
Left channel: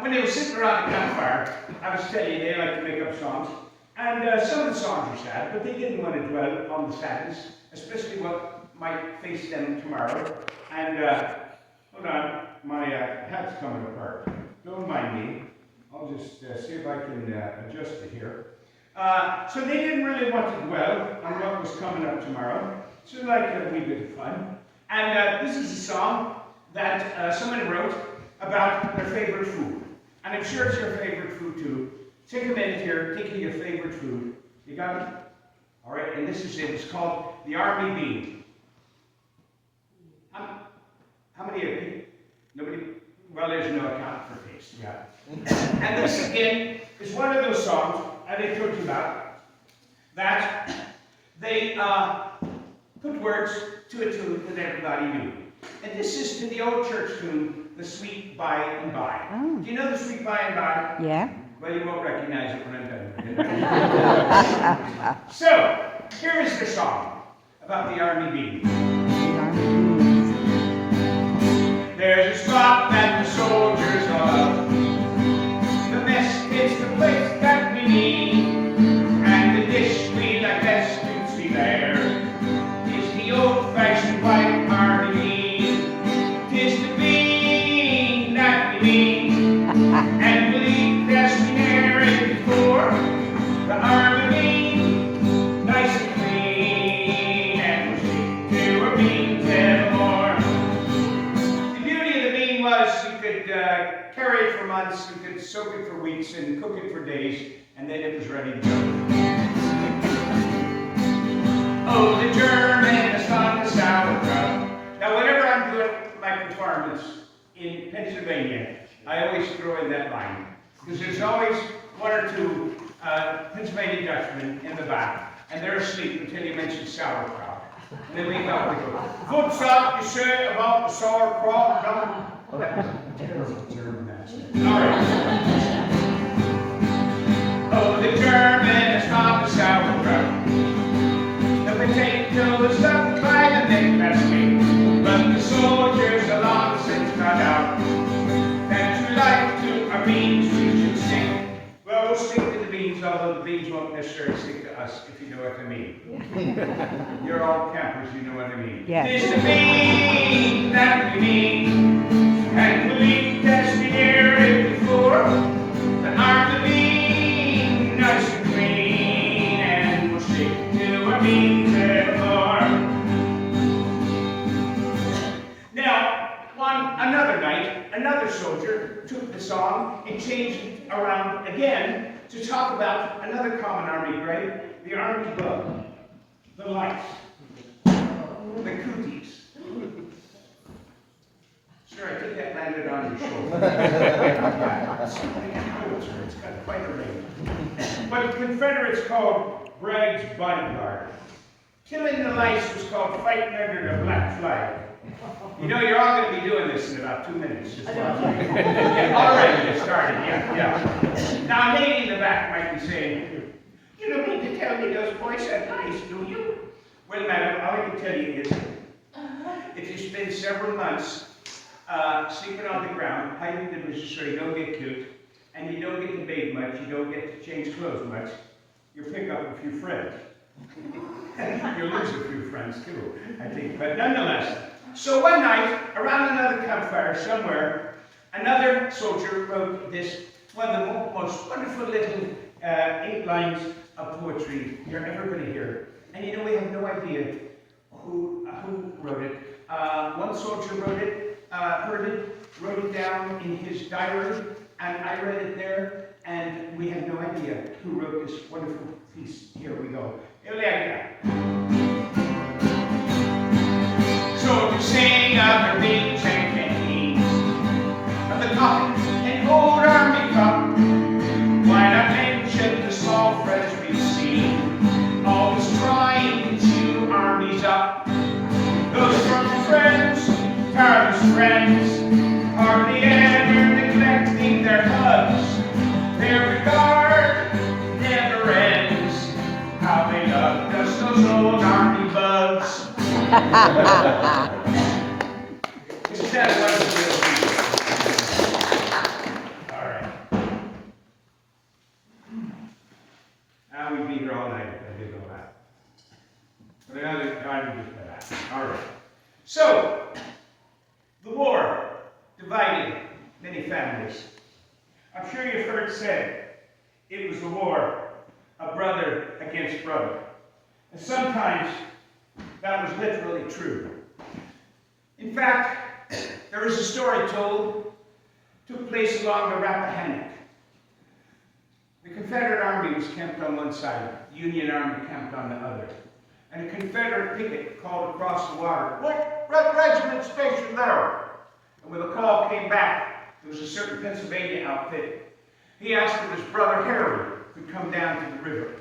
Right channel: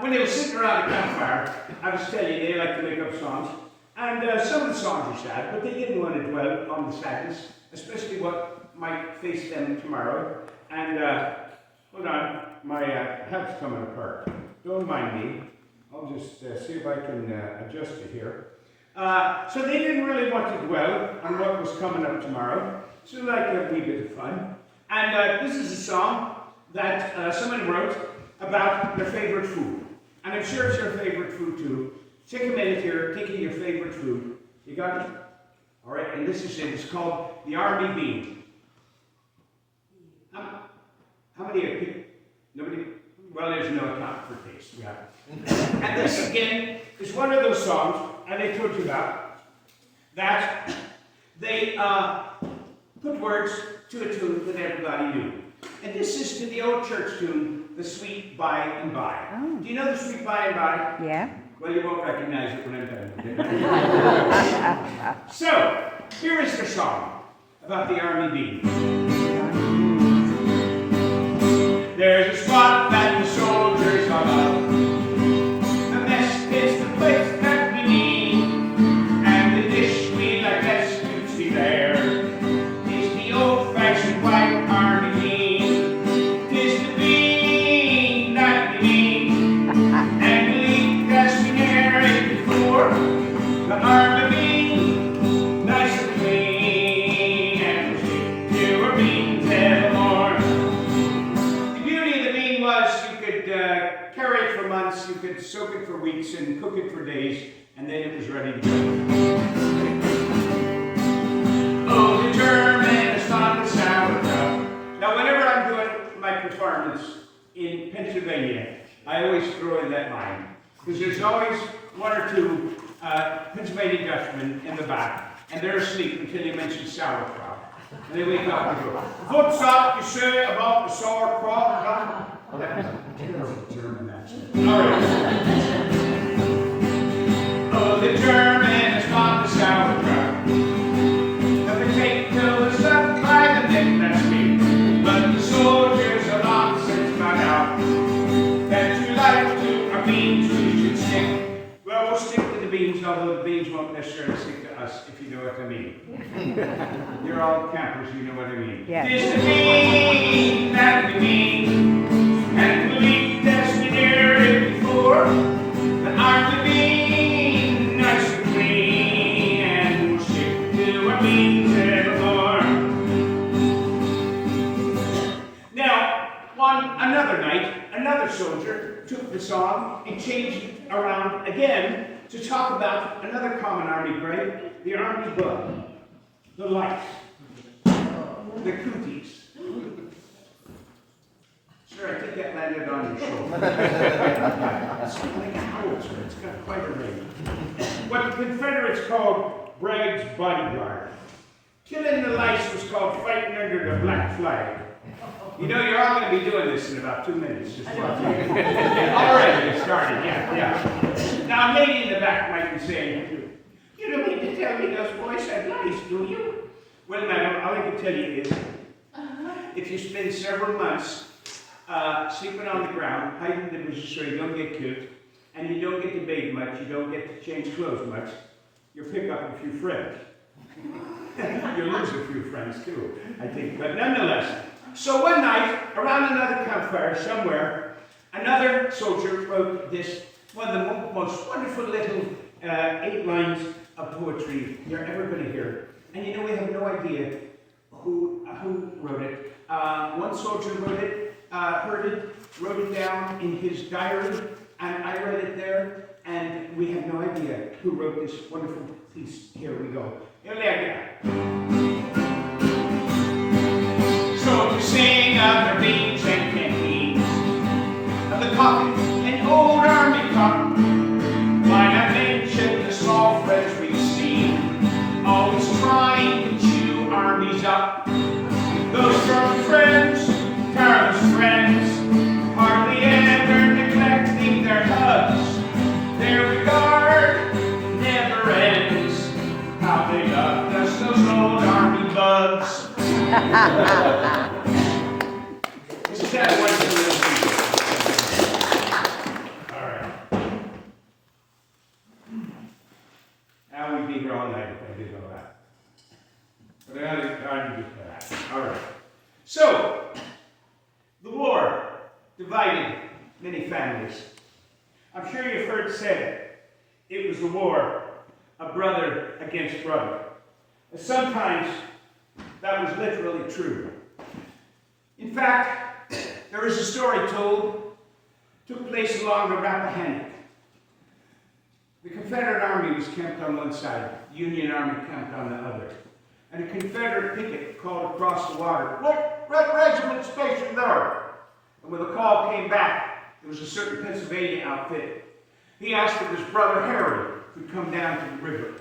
when they were sitting around the campfire, I was telling you they like to make up songs. And some of the songs are sad, but they didn't want to dwell on the sadness, especially what might face them tomorrow. And hold on, my hat's coming apart. Don't mind me. I'll just see if I can adjust it here. So they didn't really want to dwell on what was coming up tomorrow. So like a wee bit of fun. And this is a song that someone wrote about their favorite food. And I'm sure it's your favorite food too. Take a minute here, think of your favorite food. You got it? All right, and this is it. It's called the Army Bean. How many of you? Nobody? Well, there's no account for taste. Yeah. And this again is one of those songs, and I told you about, that they put words to a tune that everybody knew. And this is to the old church tune, The Sweet By and By. Do you know The Sweet By and By? Yeah. Well, you won't recognize it when I'm done. So, here is the song about the Army Bean. There's a spot that the soldiers all love. The mess is the place that we need. And the dish we like best to see there is the old-fashioned white army bean. 'Tis the bean that we need. And we'll eat best we ne'er ate before. The army bean, nice and clean. And we'll stick to our beans evermore. You could carry it for months, you could soak it for weeks and cook it for days, and then it was ready to go. Oh, the German is on the sauerkraut. Now, whenever I'm doing my performance in Pennsylvania, I always throw in that line, because there's always one or two Pennsylvania Dutchmen in the back, and they're asleep until you mention sauerkraut. And they wake up and go, "What's up you say about the sauerkraut?" Oh, that was a terrible German accent. All right. Oh, the Germans found the sauerkraut. The potatoes up by the neck, that's me. But the soldiers have long since found out that you like to our beans, we should stick. Well, we'll stick to the beans, although the beans won't necessarily stick to us, if you know what I mean. You're all campers, you know what I mean. Yeah. This is the bean that we need. And believe that's been aired before. The army bean, nice and clean, and we'll stick to our beans evermore. Now, on another night, another soldier took the song and changed it around again to talk about another common army grade, the army bug, the lights, the cooties. Sure, I think that landed on your shoulder. It's got quite a range. What the Confederates called Bragg's bodyguard. Killing the lights was called fighting under the black flag. You know, you're all going to be doing this in about 2 minutes. Just watch. All right, get started. Yeah. Now, a lady in the back might be saying, "You don't mean to tell me those boys had lights, do you?" Well, madam, all I can tell you is, if you spend several months sleeping on the ground, hiding the bushes so you don't get killed, and you don't get to bathe much, you don't get to change clothes much, you'll pick up a few friends. You'll lose a few friends too, I think, but nonetheless. So one night, around another campfire somewhere, Another soldier wrote this, one of the most wonderful little 8 lines of poetry you're ever going to hear. And you know, we have no idea who wrote it. One soldier wrote it, heard it, wrote it down in his diary, and I read it there, and we have no idea who wrote this wonderful piece. Here we go. Soldiers sing of their beats and canteens, of the coffee and old army cotton, line up mention the soft friends we've seen, always trying to chew armies up. Those strong friends, tireless friends, hardly ever neglecting their hugs. Their regard never ends. How they loved us, those old army bugs. This is that wonderful little piece. All right. Now we'd be here all night if I did all that. But I gotta do that. All right. So, the war divided many families. I'm sure you've heard said it was a war of brother against brother. And sometimes that was literally true. In fact, there is a story took place along the Rappahannock. The Confederate Army was camped on one side, the Union Army camped on the other. And a Confederate picket called across the water, "What regiment stationed there?" And when the call came back, there was a certain Pennsylvania outfit. He asked if his brother Harry could come down to the river.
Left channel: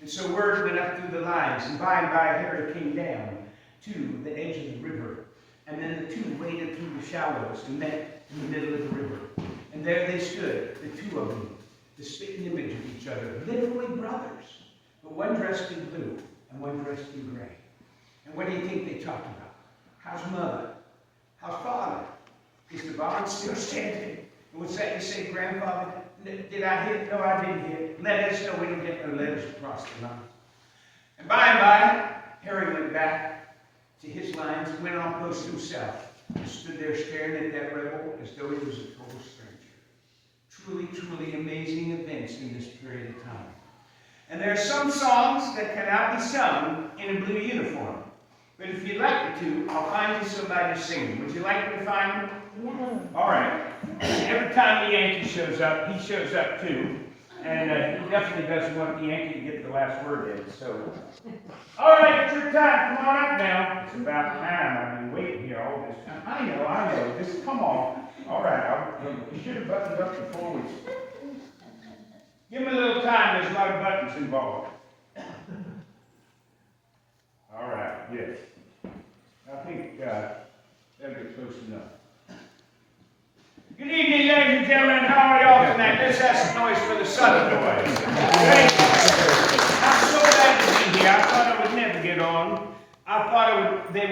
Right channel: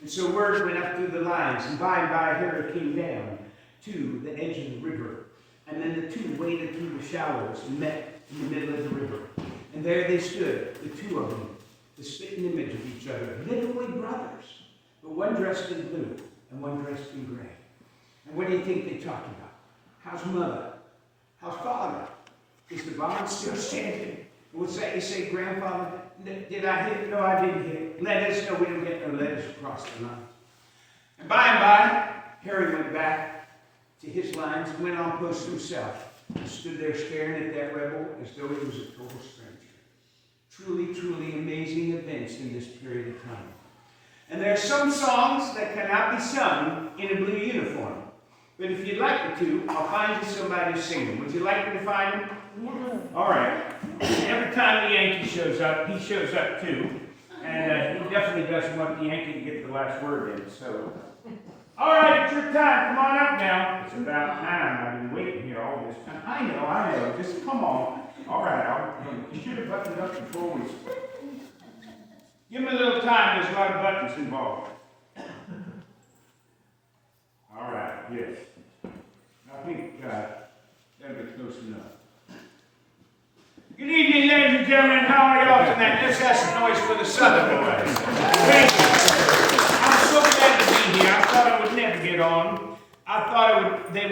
And so word went up through the lines, and by Harry came down to the edge of the river. And then the two waded through the shallows and met in the middle of the river. And there they stood, the two of them, the spitting image of each other, literally brothers, but one dressed in blue and one dressed in gray. And what do you think they talked about? How's mother? How's father? Is the bond still standing? And what's that you say, grandfather? Did I hit? No, I didn't hit. Let us know we don't get no letters across the line. And by, Harry went back to his lines and went on post himself. He stood there staring at that rebel as though he was a total stranger. Truly, truly amazing events in this period of time. And there are some songs that cannot be sung in a blue uniform. But if you'd like me to, I'll find you somebody to sing them. Would you like me to find them? Yeah. All right. Every time the Yankee shows up, he shows up too. And he definitely doesn't want the Yankee to get the last word in. So, all right, it's your time. Come on up now. It's about time. I've been waiting here all this time. I know. Just come on. All right. You should have buttoned up before we... Give me a little time. There's a lot of buttons involved. All right. Yes. I think that'll get close enough. Good evening, ladies and gentlemen. How are y'all tonight? Let's have some noise for the Southern boys. Thank you. I'm so glad to be here. I thought I would never get on. I thought that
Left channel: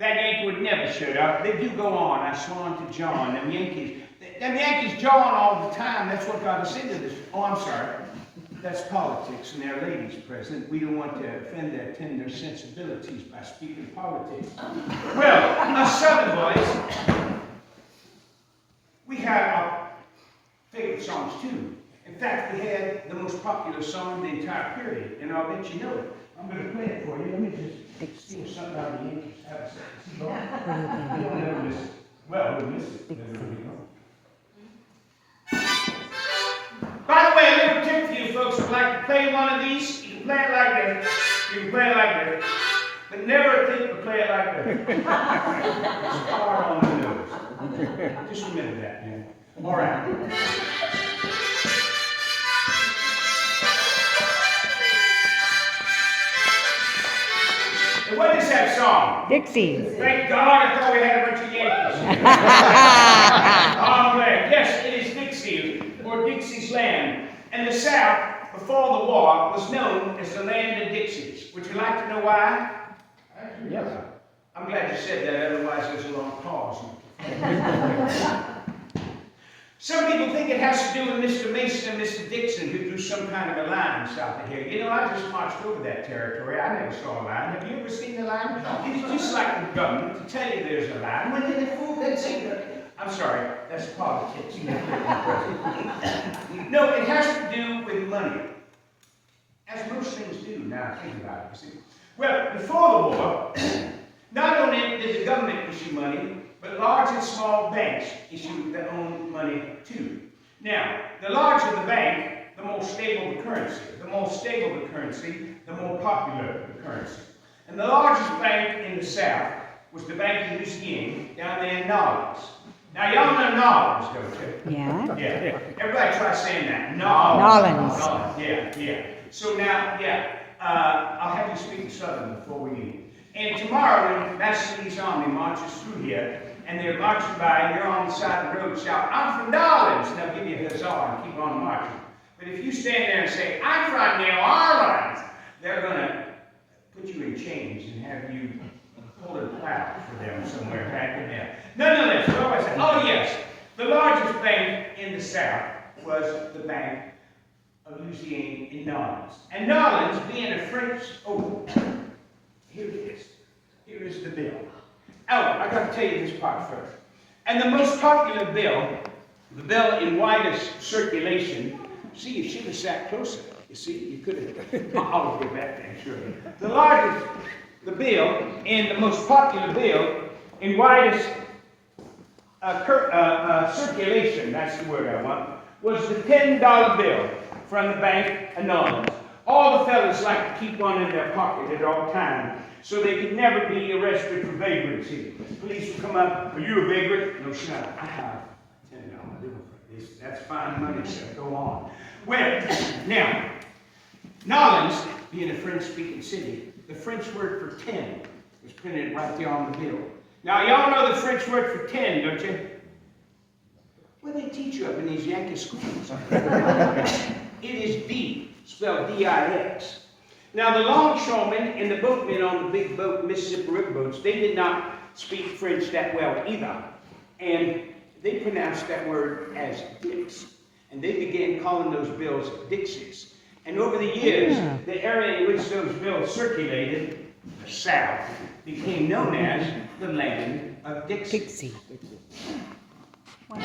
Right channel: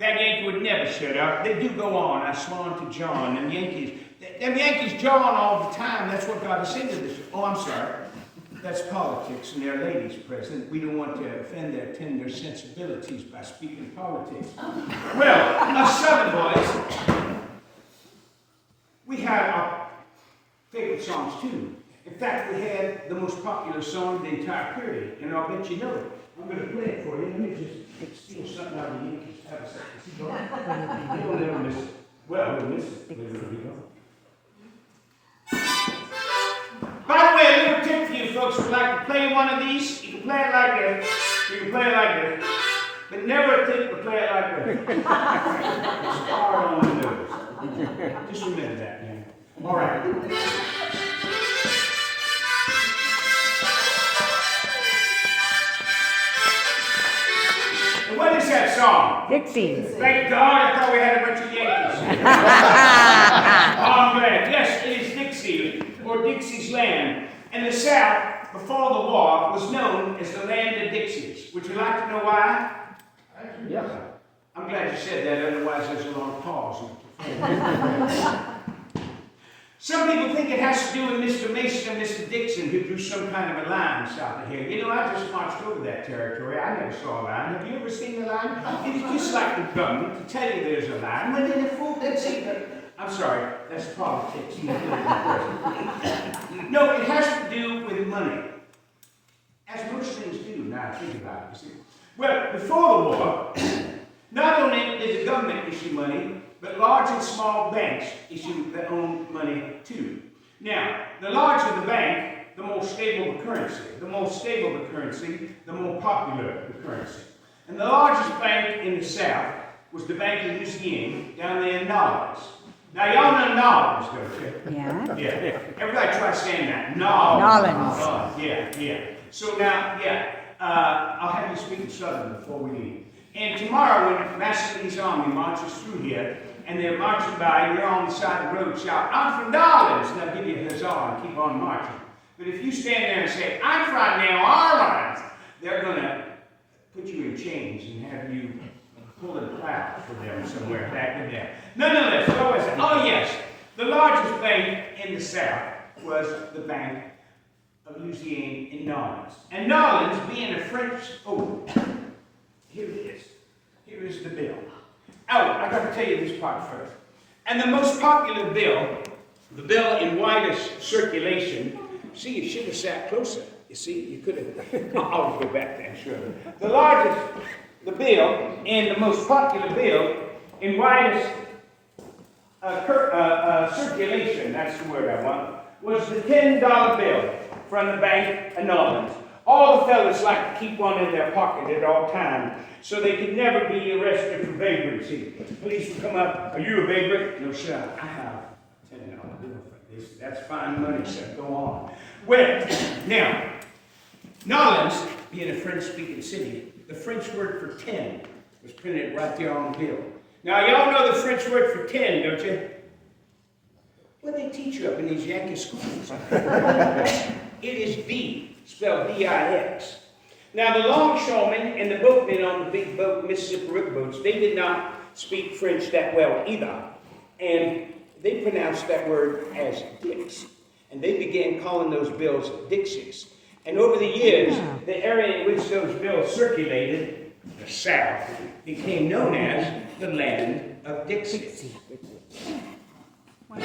Yankee would never shut up. They do go on. I swan to John. Them Yankees jaw on all the time. That's what got us into this. Oh, I'm sorry. That's politics, and there are ladies present. We don't want to offend their tender sensibilities by speaking politics. Well, us Southern boys, we had our favorite songs too. In fact, we had the most popular song of the entire period, and I'll bet you know it. I'm going to play it for you. Let me just steal something out of the Yankees. Have a second. You'll never miss it. Well, we'll miss it. By the way, a little tip for you folks who would like to play one of these. You can play it like this. You can play it like this. But never think to play it like this. It's hard on the nose. Just remember that, man. All right. And what is that song? Dixie's. Thank God, I thought we had a bunch of Yankees. I'm glad. Yes, it is Dixie, or Dixie's Land. And the South, before the war, was known as the land of Dixies. Would you like to know why? Yes. I'm glad you said that, otherwise there's a long pause. Some people think it has to do with Mr. Mason and Mr. Dixon, who drew some kind of a line south of here. You know, I just marched over that territory. I never saw a line. Have you ever seen a line? It's just like the government to tell you there's a line. When they fool, they'd say that I'm sorry, that's politics. No, it has to do with money. As most things do, now I think about it, you see. Well, before the war, not only did the government issue money, but large and small banks issued their own money too. Now, the larger the bank, the more stable the currency. The more stable the currency, the more popular the currency. And the largest bank in the South was the Bank of Louisiana down there in New Orleans. Now, y'all know New Orleans, don't you? Yeah. Yeah. Everybody try saying that. New Orleans. Yeah. So now, I'll have you speak Southern before we leave. And tomorrow, when Master Lee's army marches through here, and they're marching by, and you're on the side of the road shout, "I'm from New Orleans," and they'll give you a huzzah and keep on marching. But if you stand there and say, "I'm from New Orleans," they're going to put you in chains and have you pull a plaque for them somewhere back in there. Nonetheless, what was it? Oh, yes. The largest bank in the South was the Bank of Louisiana in New Orleans. And New Orleans, being a French, here it is. Here is the bill. Oh, I've got to tell you this part first. And the most popular bill, the bill in widest circulation, see, you should have sat closer. You see, you could have. I'll go back there, sure. The bill, and the most popular bill in widest circulation, that's the word I want, was the $10 bill from the Bank of New Orleans. All the fellas like to keep one in their pocket at all times, so they could never be arrested for vagrancy. Police would come up, "Are you a vagrant?" "No, sir, I have a $10 bill for this." "That's fine money, sir. Go on." Well, now, New Orleans, being a French-speaking city, the French word for 10 was printed right there on the bill. Now, y'all know the French word for 10, don't you? Well, they teach you up in these Yankee schools. It is V, spelled V-I-X. Now, the longshoremen and the boatmen on the big boat, Mississippi River boats, they did not speak French that well either. And they pronounced that word as Dix. And they began calling those bills Dixies. And over the years, the area in which those bills circulated, the South, became known as the land of Dixie. Wow.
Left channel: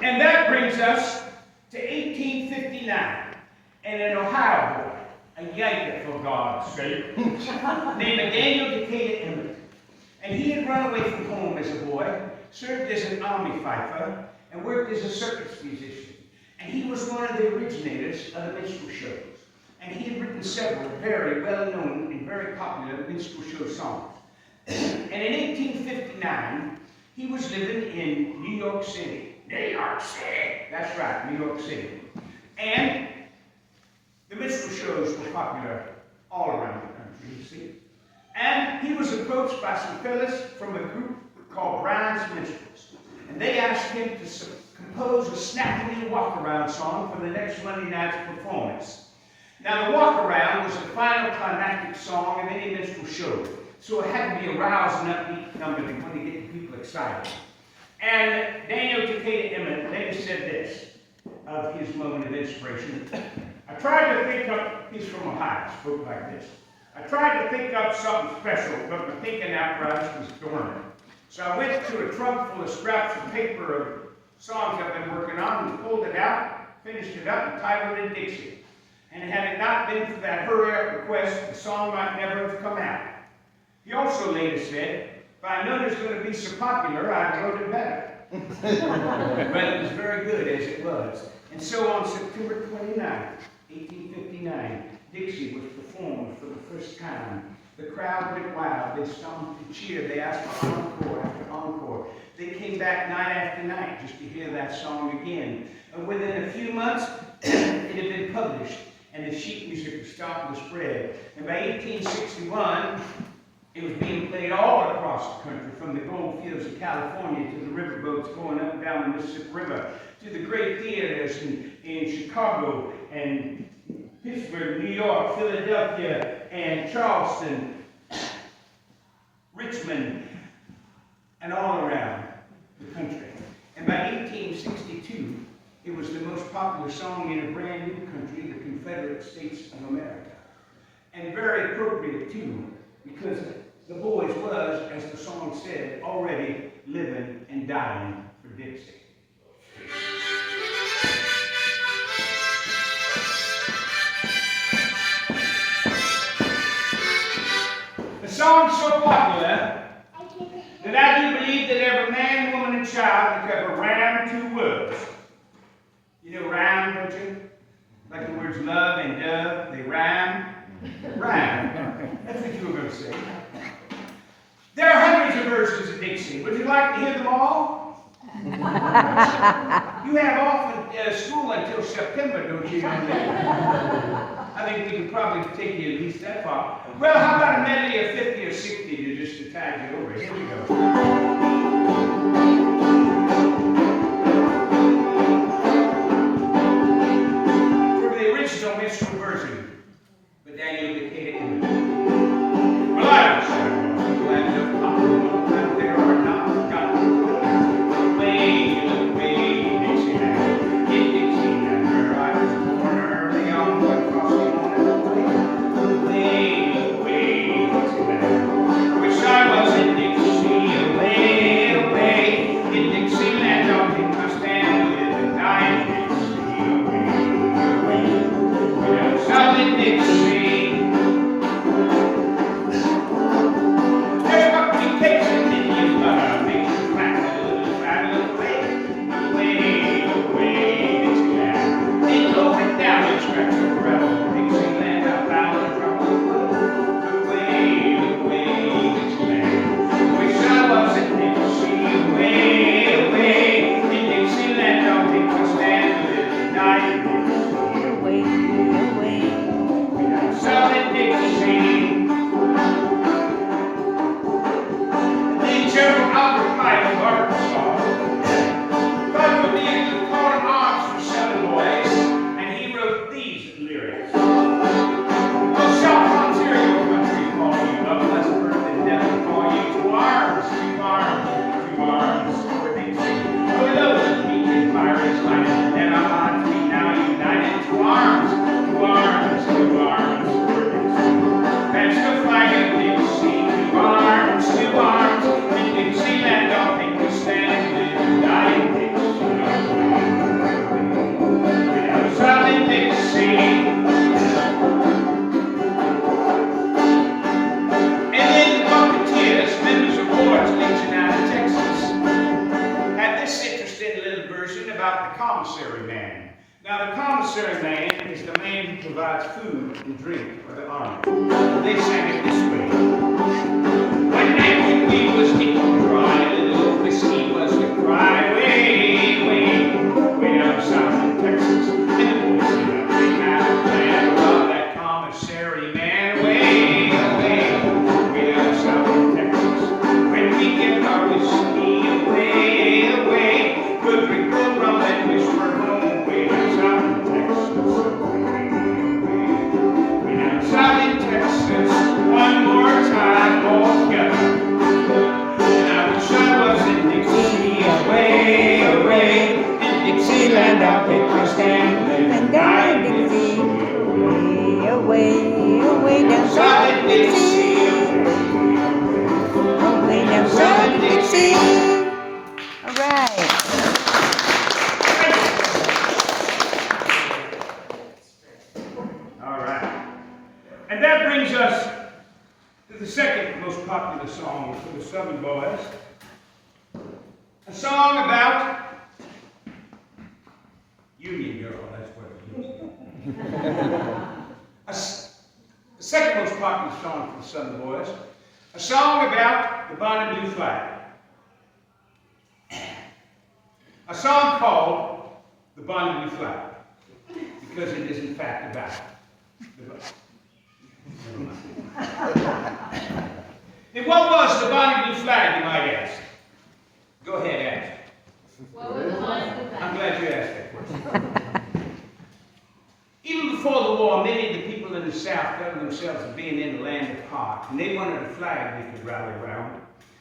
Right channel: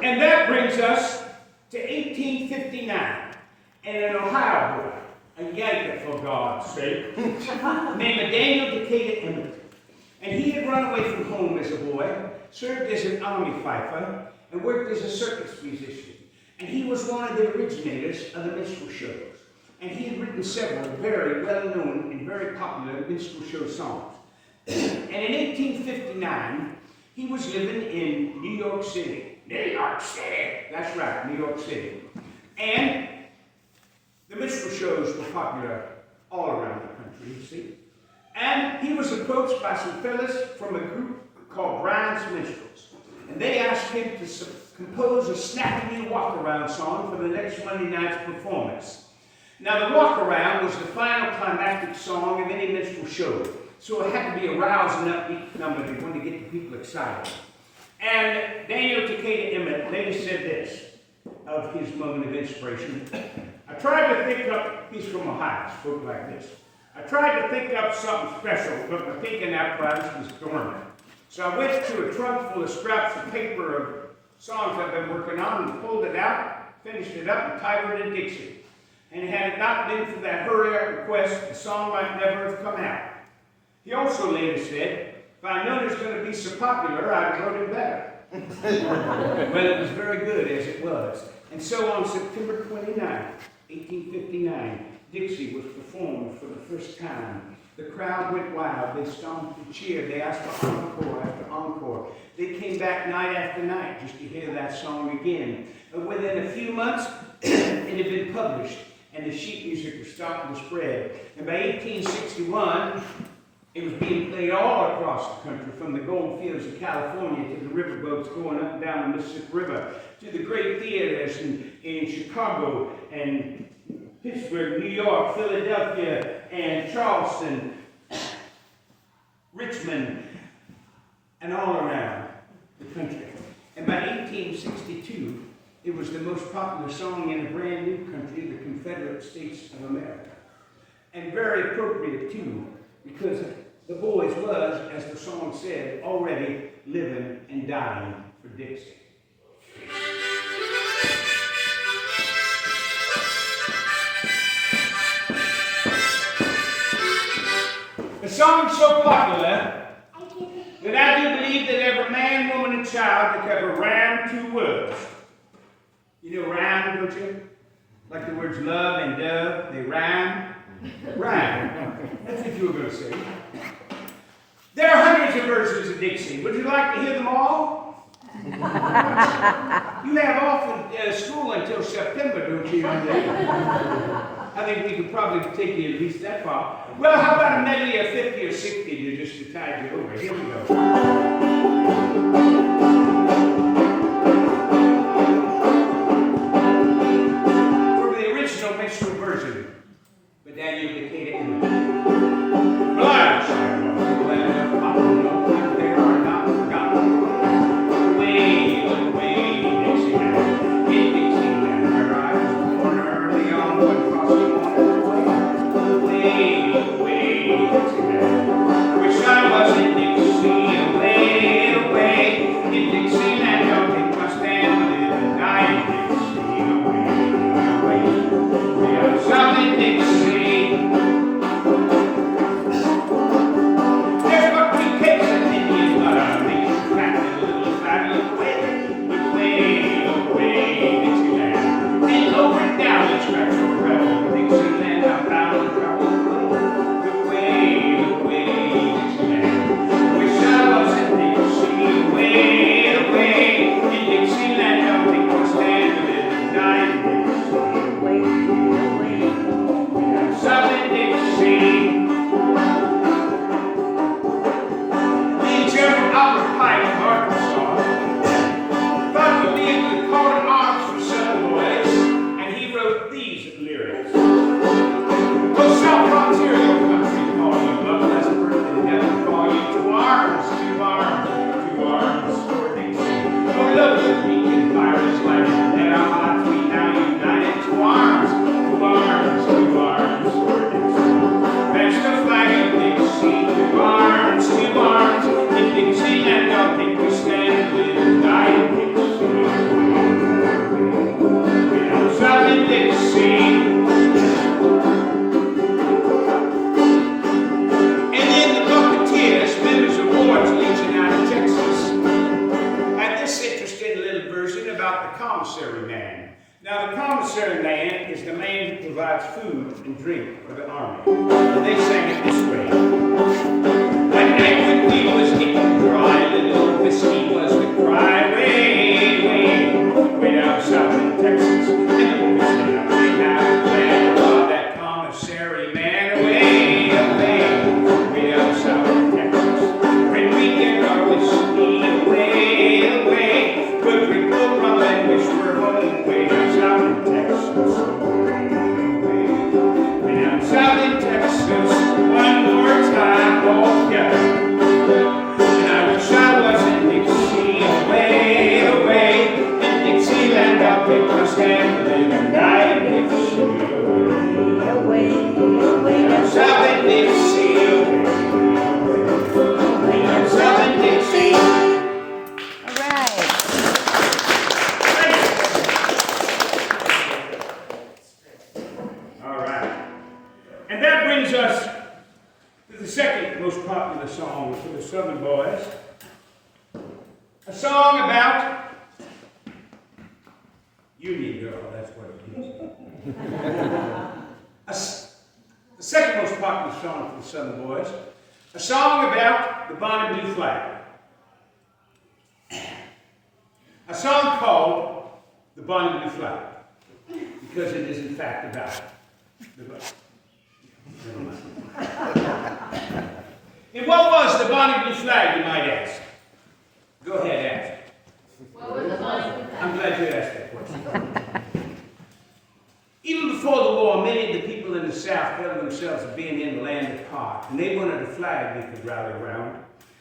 And that brings us to 1859, and an Ohio boy, a Yankee for God's sake, named Daniel Decatur Emmett. And he had run away from home as a boy, served as an army fifer, and worked as a circus musician. And he was one of the originators of the minstrel shows. And he had written several very well-known and very popular minstrel show songs. And in 1859, he was living in New York City. New York City! That's right, New York City. And the minstrel shows were popular all around the country, you see. And he was approached by some fellas from a group called Brown's Minstrels. And they asked him to compose a snappy new walk-around song for the next Monday night's performance. Now, the walk-around was the final climactic song of any minstrel show. So it had to be a rousing, upbeat number to want to get the people excited. And Daniel Decatur Emmett later said this of his moment of inspiration. I tried to think up, he's from Ohio, spoke like this. I tried to think up something special, but my thinking apparatus was dormant. So I went to a trunk full of scraps of paper of songs I've been working on and pulled it out, finished it up, and titled it Dixie. And had it not been for that hurry-up request, the song might never have come out. He also later said, if I known it was going to be so popular, I'd have wrote it better. But it was very good as it was. And so on September 29, 1859, Dixie was performed for the first time. The crowd went wild. They stomped and cheered. They asked for encore after encore. They came back night after night just to hear that song again. And within a few months, it had been published, and the sheet music was starting to spread. And by 1861, it was being played all across the country, from the gold fields of California to the riverboats going up and down the Mississippi River, to the great theaters in Chicago and Pittsburgh, New York, Philadelphia, and Charleston, Richmond, and all around the country. And by 1862, it was the most popular song in a brand new country, the Confederate States of America. and very appropriate too, because the boys was, as the song said, already living and dying for Dixie. The song's so popular that I do believe that every man, woman, and child that ever rhymed two words. You know rhyme, don't you? Like the words love and dove, they rhyme. Rhyme. That's what you were going to say. There are hundreds of versions of Dixie. Would you like to hear them all? You have off at school until September, don't you? I think we could probably take you at least that far. Well, how about a medley of 50 or 60 to tide you over? Here we go. For the original minstrel version, but Daniel Decatur in it. And what was the Bonnie Blue Flag, you might ask? Go ahead, ask. What was the Bonnie Blue Flag? I'm glad you asked that question. Even before the war, many of the people in the South felt themselves as being in the land of pot, and they wanted a flag they could rally around.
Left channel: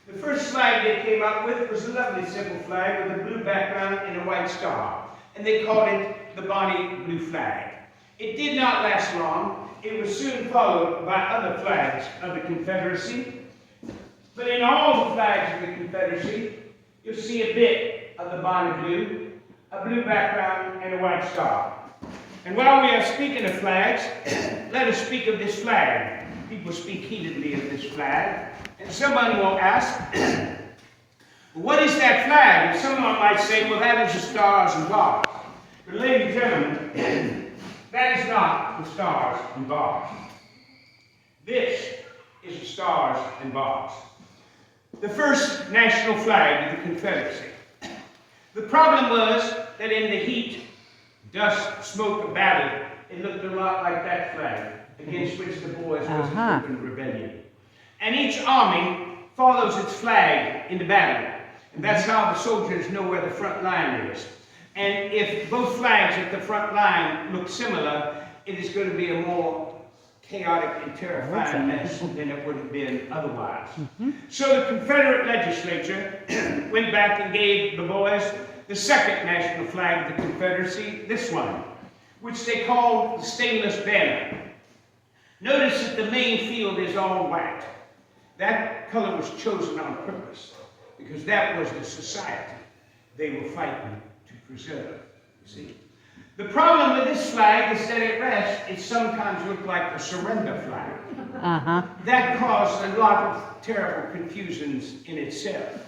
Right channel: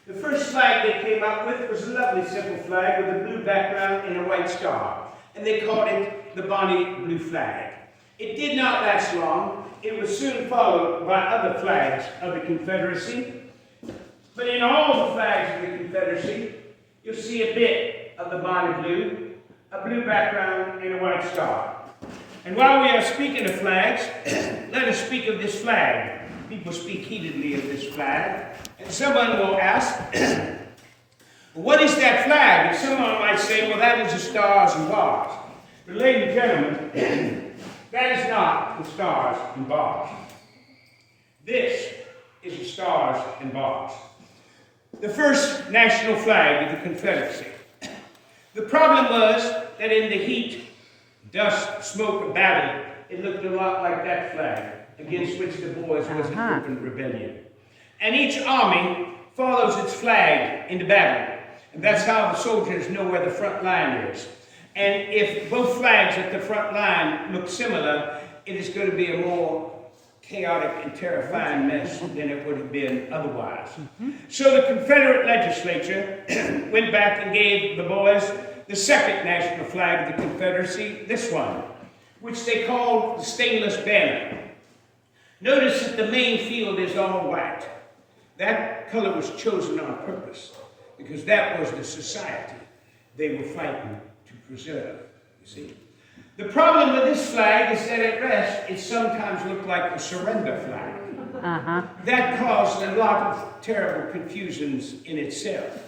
The first flag they came up with was a lovely simple flag with a blue background and a white star, and they called it the Bonnie Blue Flag. It did not last long, it was soon followed by other flags of the Confederacy. But in all the flags of the Confederacy, you'll see a bit of the bonnet blue, a blue background, and a white star. And while we are speaking of flags, let us speak of this flag. People speak heatedly of this flag. And someone will ask, what is that flag? And someone might say, well, that is the stars and bars. But ladies and gentlemen, that is not the stars and bars. This is the stars and bars. The first national flag of the Confederacy. The problem was that in the heat, dust, smoke, and battle, it looked a lot like that flag, against which the boys was in open rebellion. And each army follows its flag into battle. And that's how the soldiers know where the front line is. And if both flags at the front line look similar, it is going to be a more chaotic and terrifying mess than it would have been otherwise. So the Confederate legislature went back and gave the boys the second national flag of the Confederacy, this one, which they called the stainless banner. Notice that the main field is all white. That color was chosen on purpose because that was the society they were fighting to preserve, you see. The problem with this flag is that at rest, it sometimes looked like a surrender flag. That caused a lot of terrible confusions in itself.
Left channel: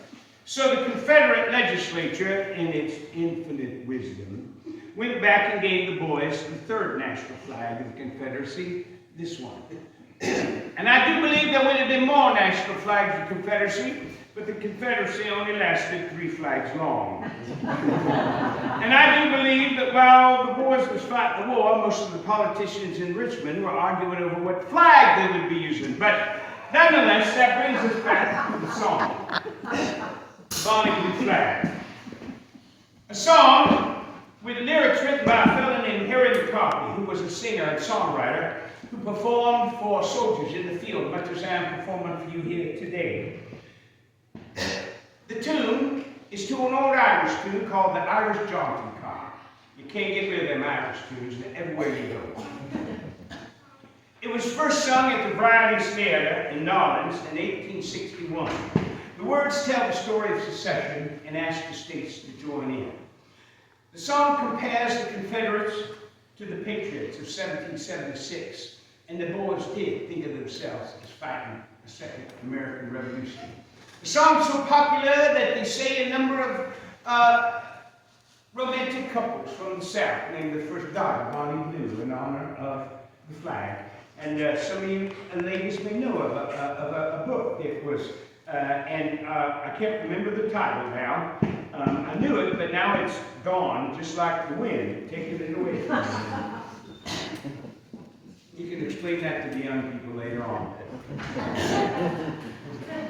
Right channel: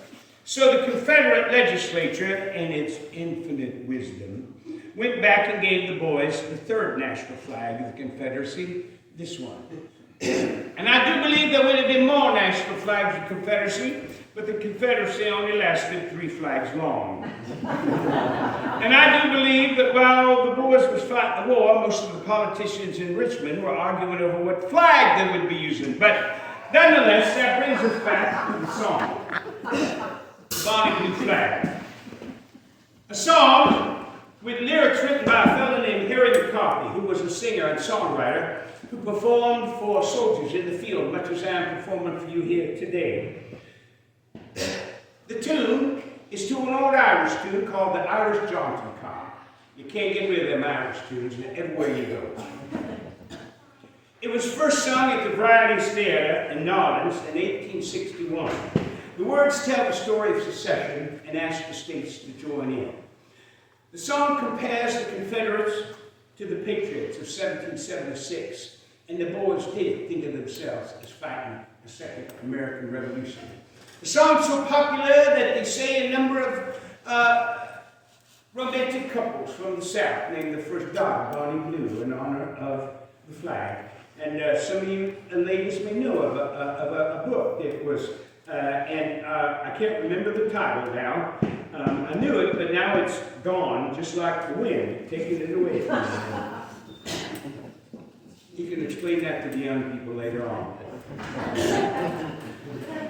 So the Confederate legislature, in its infinite wisdom, went back and gave the boys the third national flag of the Confederacy, this one. And I do believe there would have been more national flags of the Confederacy, but the Confederacy only lasted 3 flags long. And I do believe that while the boys was fighting the war, most of the politicians in Richmond were arguing over what flag they would be using. But nonetheless, that brings us back to the song, Bonnie Blue Flag. A song with lyrics written by a fellow named Harry McCarthy, who was a singer and songwriter who performed for soldiers in the field, much as I am performing for you here today. The tune is to an old Irish tune called the Irish Jaunting Car. You can't get rid of them Irish tunes everywhere you go. It was first sung at the Varieties Theatre in Nolens in 1861. The words tell the story of secession and ask the states to join in. The song compares the Confederates to the Patriots of 1776, and the boys did think of themselves as fighting the Second American Revolution. The song's so popular that they say a number of romantic couples from the South named the first Dodd, Bonnie Blue, in honor of the flag. And some of you ladies may know of a book that was, I can't remember the title now. I knew it, but now it's gone, just like the wind, taking it away from me. You can explain that to the young people later on.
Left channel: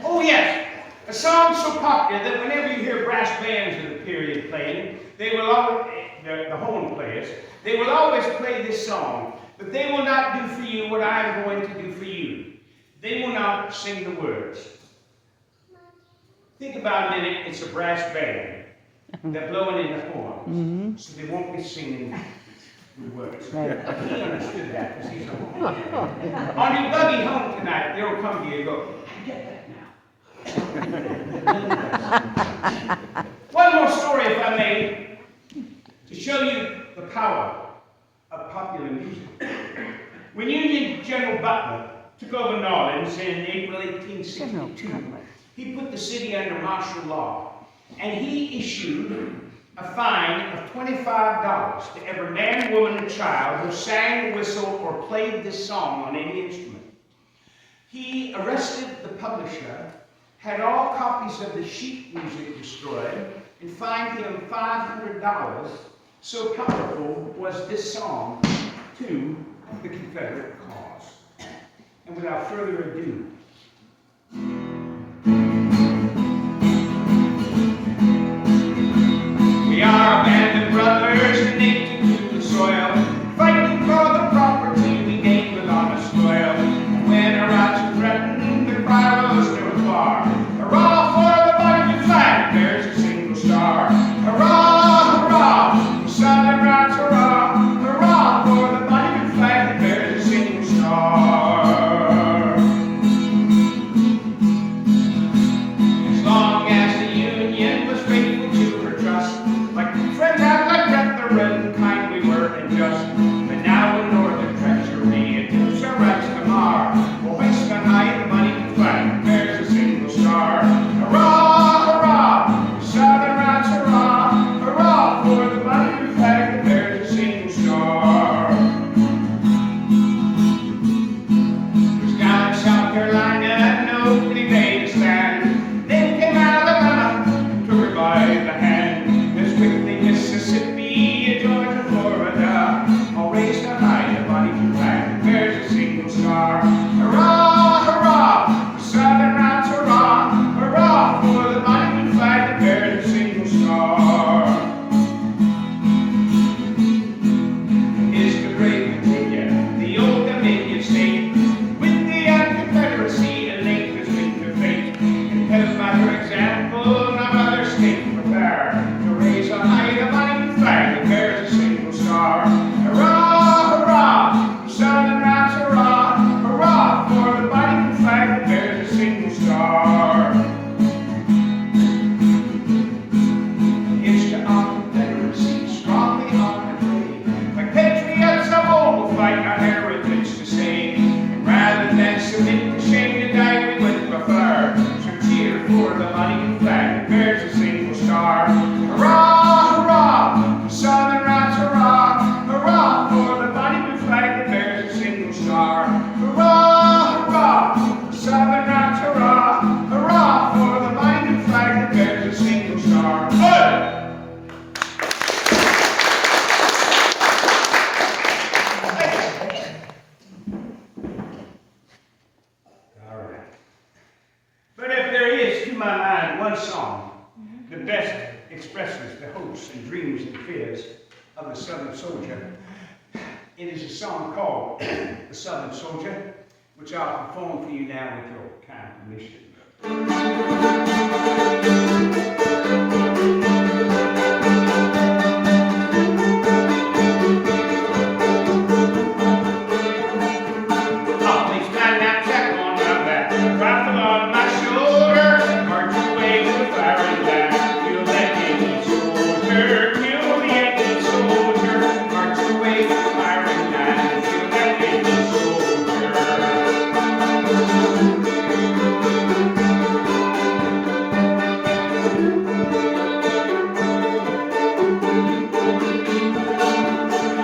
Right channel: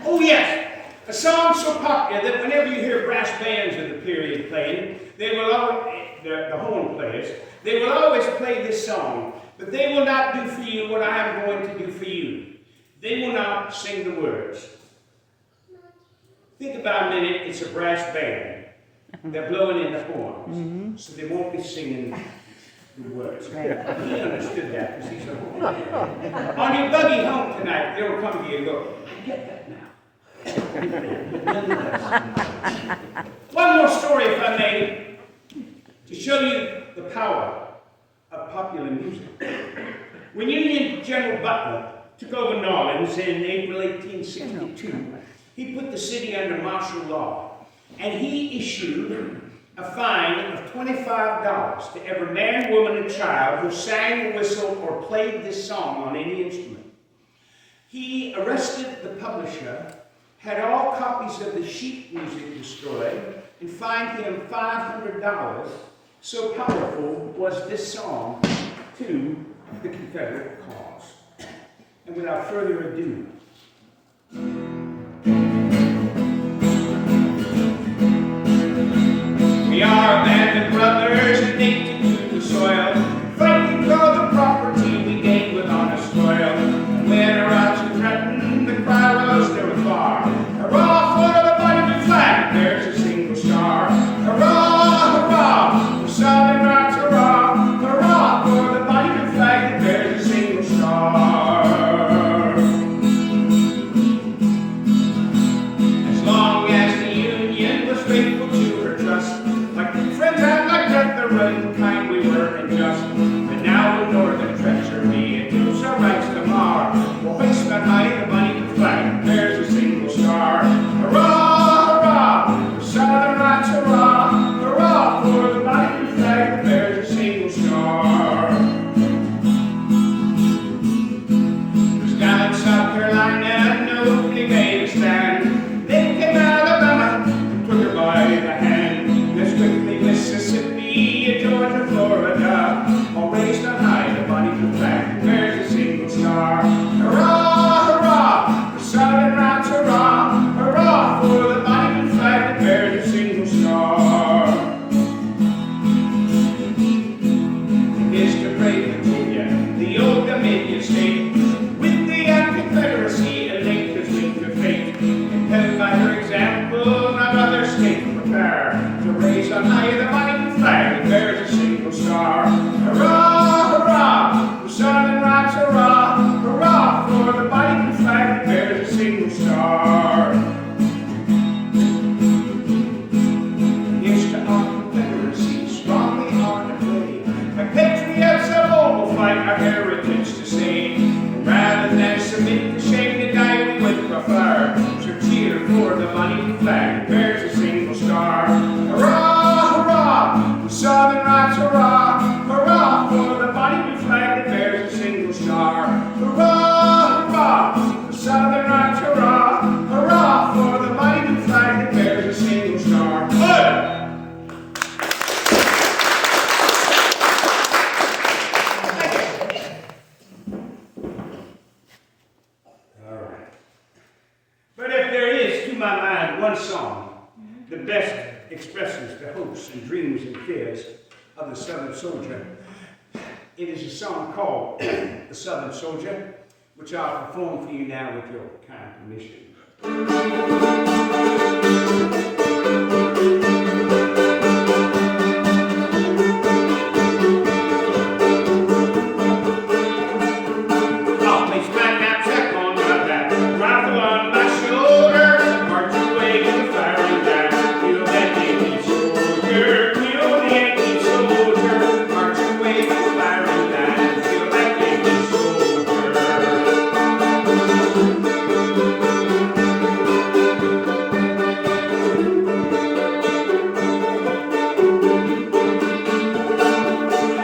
Oh yes, a song so popular that whenever you hear brass bands of the period playing, they will always, the horn players, they will always play this song. But they will not do for you what I am going to do for you. They will not sing the words. Think about a minute, it's a brass band. They're blowing in the horns, so they won't be singing the words. Right. He understood that because he's a horn. On your buggy home tonight, they'll come to you and go, I get that now. One more story, if I may, to show you the power of popular music. When Union General Butler took over New Orleans in April 1862, he put the city under martial law, and he issued a fine of $25 to every man, woman, and child who sang, whistled, or played this song on any instrument. He arrested the publisher, had all copies of the sheet music destroyed, and fined him $500. So powerful was this song to the Confederate cause. And without further ado, we are a band of brothers native to the soil, fighting for the property we gained with honest toil. When our rights were threatened, the cry rose never far. Hurrah for the Bonnie Blue flag, there's a single star. Hurrah, hurrah, for Southern rights, hurrah, hurrah for the Bonnie Blue flag that bears a single star. state prepare to raise on high the mighty flag that bears a single star. Hurrah, hurrah, for Southern rocks, hurrah, hurrah, for the mighty flag that bears a single star. It's to our Confederacy, strongly armed and brave, like patriots of old will fight our heritage to save. And rather than submit to shame to die, we would prefer to cheer for the mighty flag that bears a single star. Hurrah, hurrah, for Southern rocks, hurrah, hurrah, for the mighty flag that bears a single star. Hurrah, hurrah, for Southern rocks, hurrah, hurrah, for the mighty flag that bears a single star. Good! All right. But if there is, to my mind, one song that best expresses the hopes and dreams and fears of the Southern soldier, it is a song called The Southern Soldier, which I'll perform for you now with your kind permission. I'll place my knapsack on my back, rifle on my shoulder, march away to the firing line. Kill that Yankee soldier, kill the Yankee soldier, march away to the firing line. Kill that Yankee soldier.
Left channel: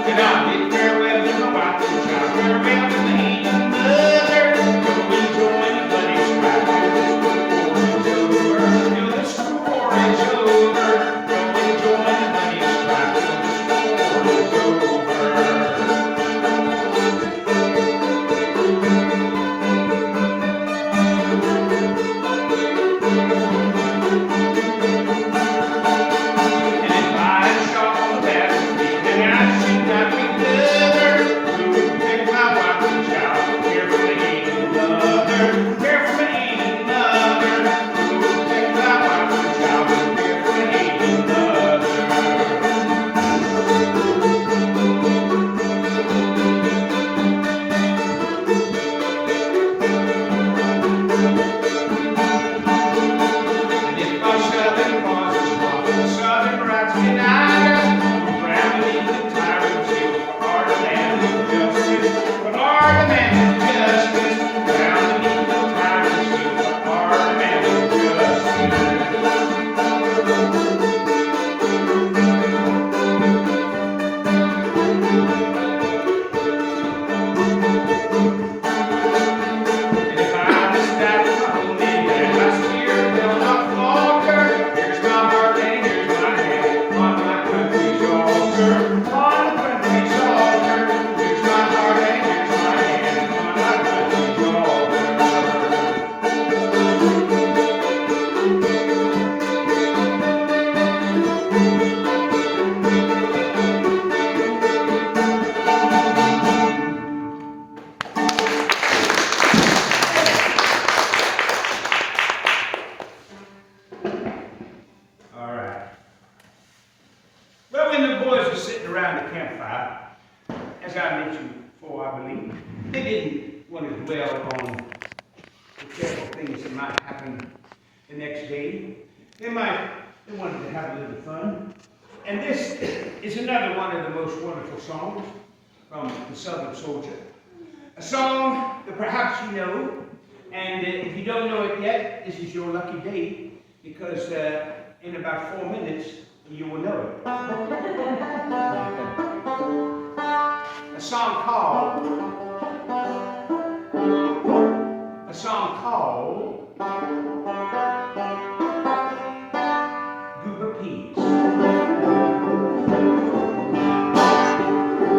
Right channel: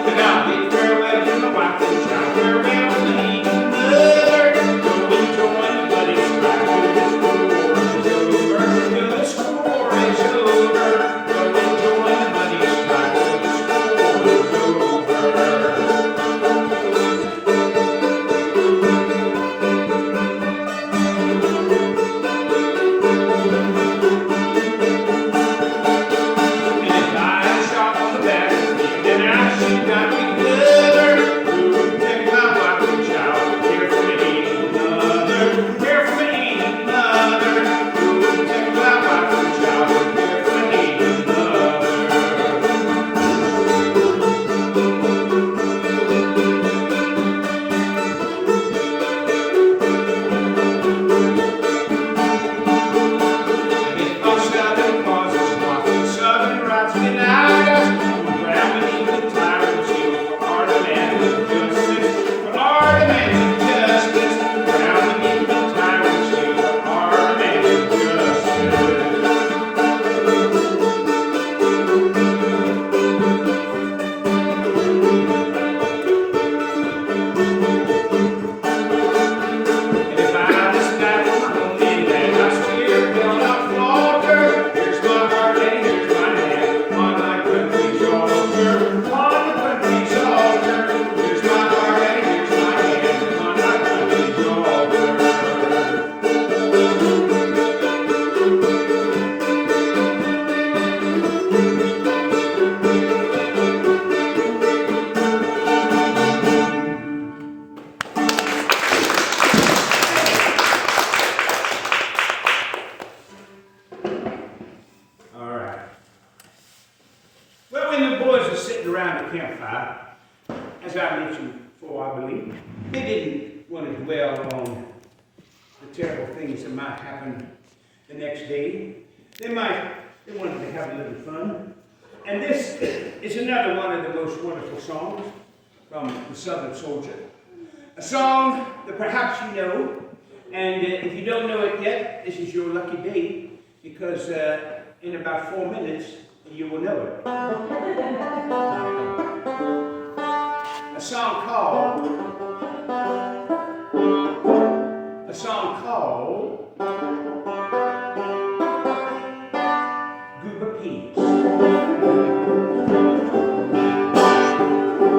And I'll bid farewell to my wife and child, farewell to the heathen mother. Go and join the bloody strife till the score is over. Go and join the bloody strife till the score is over. And if I shot on the battlefield, then I should not be better. Who would take my wife and child? Care for the heathen mother, care for the heathen mother. Who would take my wife and child? Care for the heathen mother. And if our Southern cause is lost, and Southern rights denied us, we'll grab beneath the tyrant's heel for our demand of justice, for our demand of justice. Grab beneath the tyrant's heel for our demand of justice. And if I just die for my own land, my spirit will not falter. Here's my heart and here's my hand on my country's altar, on the country's altar. Here's my heart and here's my hand on my country's altar. All right. Well, when the boys were sitting around the campfire, as I mentioned before, I believe, they didn't want to dwell on the terrible things that might happen the next day. They wanted to have a little fun. And this is another one of the most wonderful songs from The Southern Soldier. A song that perhaps you know, and if you don't know it yet, this is your lucky day, because in about 4 minutes, you will know it. A song called Goober Peas.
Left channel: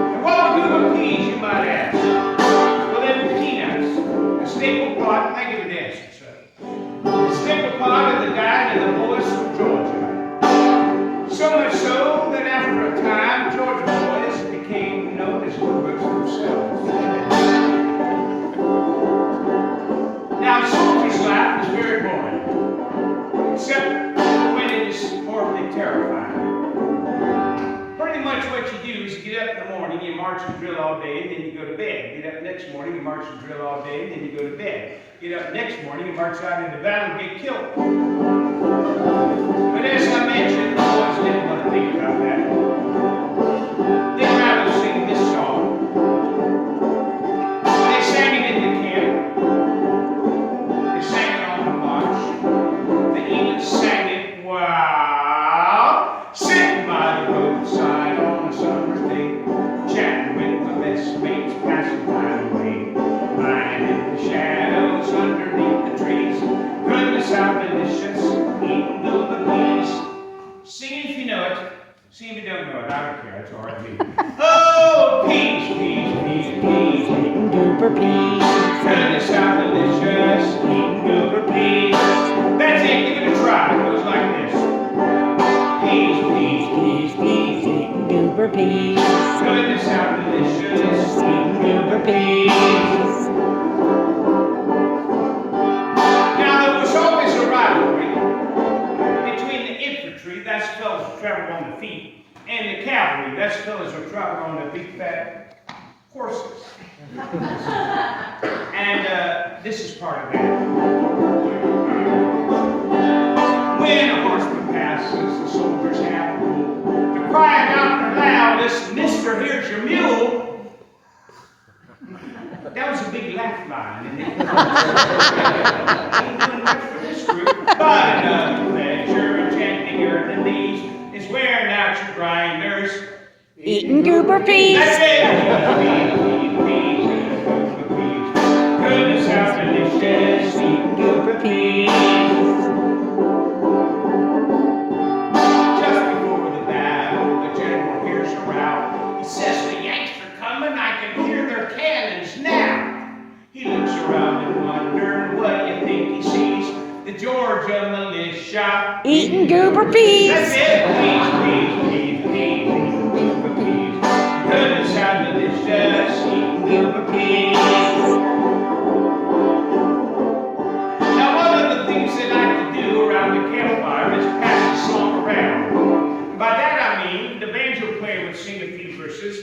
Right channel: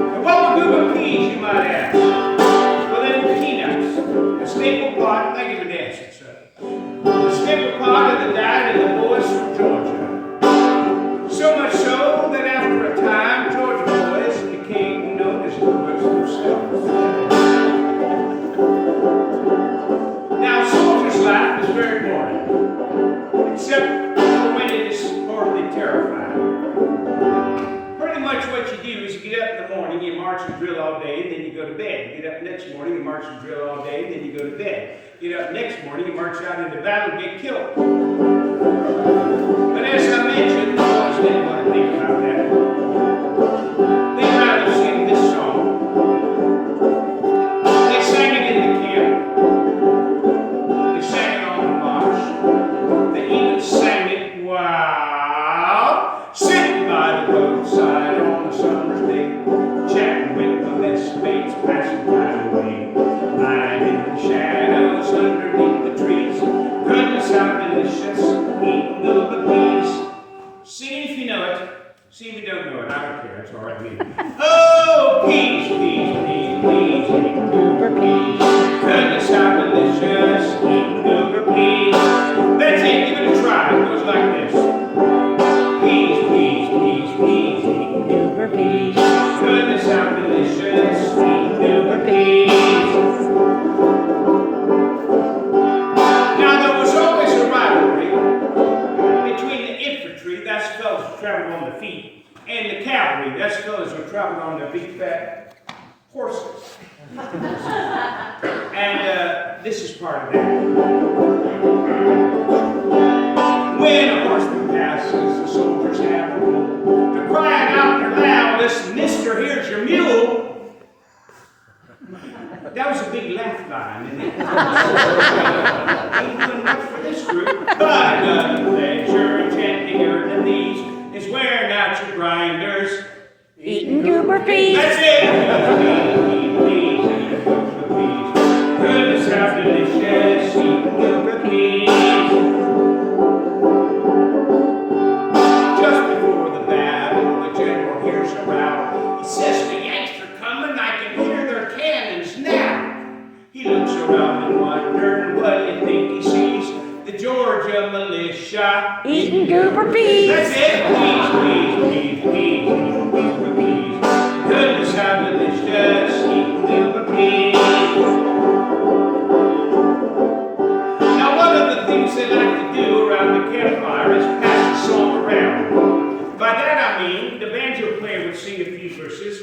And what were Goober Peas, you might ask? Well, they're peanuts, a staple part. Thank you for dancing, sir. A staple part of the diet of the boys from Georgia. So much so that after a time, Georgia boys became known as goobers themselves. Now, a soldier's life was very boring. the morning, you march and drill all day, and then you go to bed. Get up next morning, you march and drill all day, and then you go to bed. Get up next morning, you march out into battle and get killed. But as I mentioned, the boys didn't want to think about that. They'd rather sing this song. They sang it in the camp. They sang it on the march. They even sang it while sitting by the roadside on a summer's day, chatting with my best mates, passing time away, lying in the shadows underneath the trees. Goodness, how delicious, eating goober peas. Sing it if you know it. Sing if you don't know it. I don't care. It's all right with me. Oh, peas, peas, peas, peas, eating goober peas. Goodness, how delicious, eating goober peas. That's it. Give it a try. It goes like this. Peas, peas, peas, peas, eating goober peas. Goodness, how delicious, eating goober peas. Now, there was always a rivalry between the infantry, that's fellas who traveled on the feet, and the cavalry, that's fellas who traveled on their big fat horses. And this is part of that. When a horseman passes, the soldiers have a rule to cry it out their loudest, "Mister, here's your mule." That was a big laugh line, and it ain't good enough for this group. But another pleasure enchantinger than these is wearing out your grinders, Eating goober peas. that's it. Peas, peas, peas, eating goober peas. Goodness, how delicious, eating goober peas. Just before the battle, the general hears a rout. He says, "The Yanks are coming, I can hear their cannons now." He looks around and wonders, what do you think he sees? The Georgia militia. Eating goober peas. That's it. Peas, peas, peas, peas, eating goober peas. Goodness, how delicious, eating goober peas. Now, one of the things they like to do around the campfire is pass the song around. By that I mean, the banjo player would sing a few verses,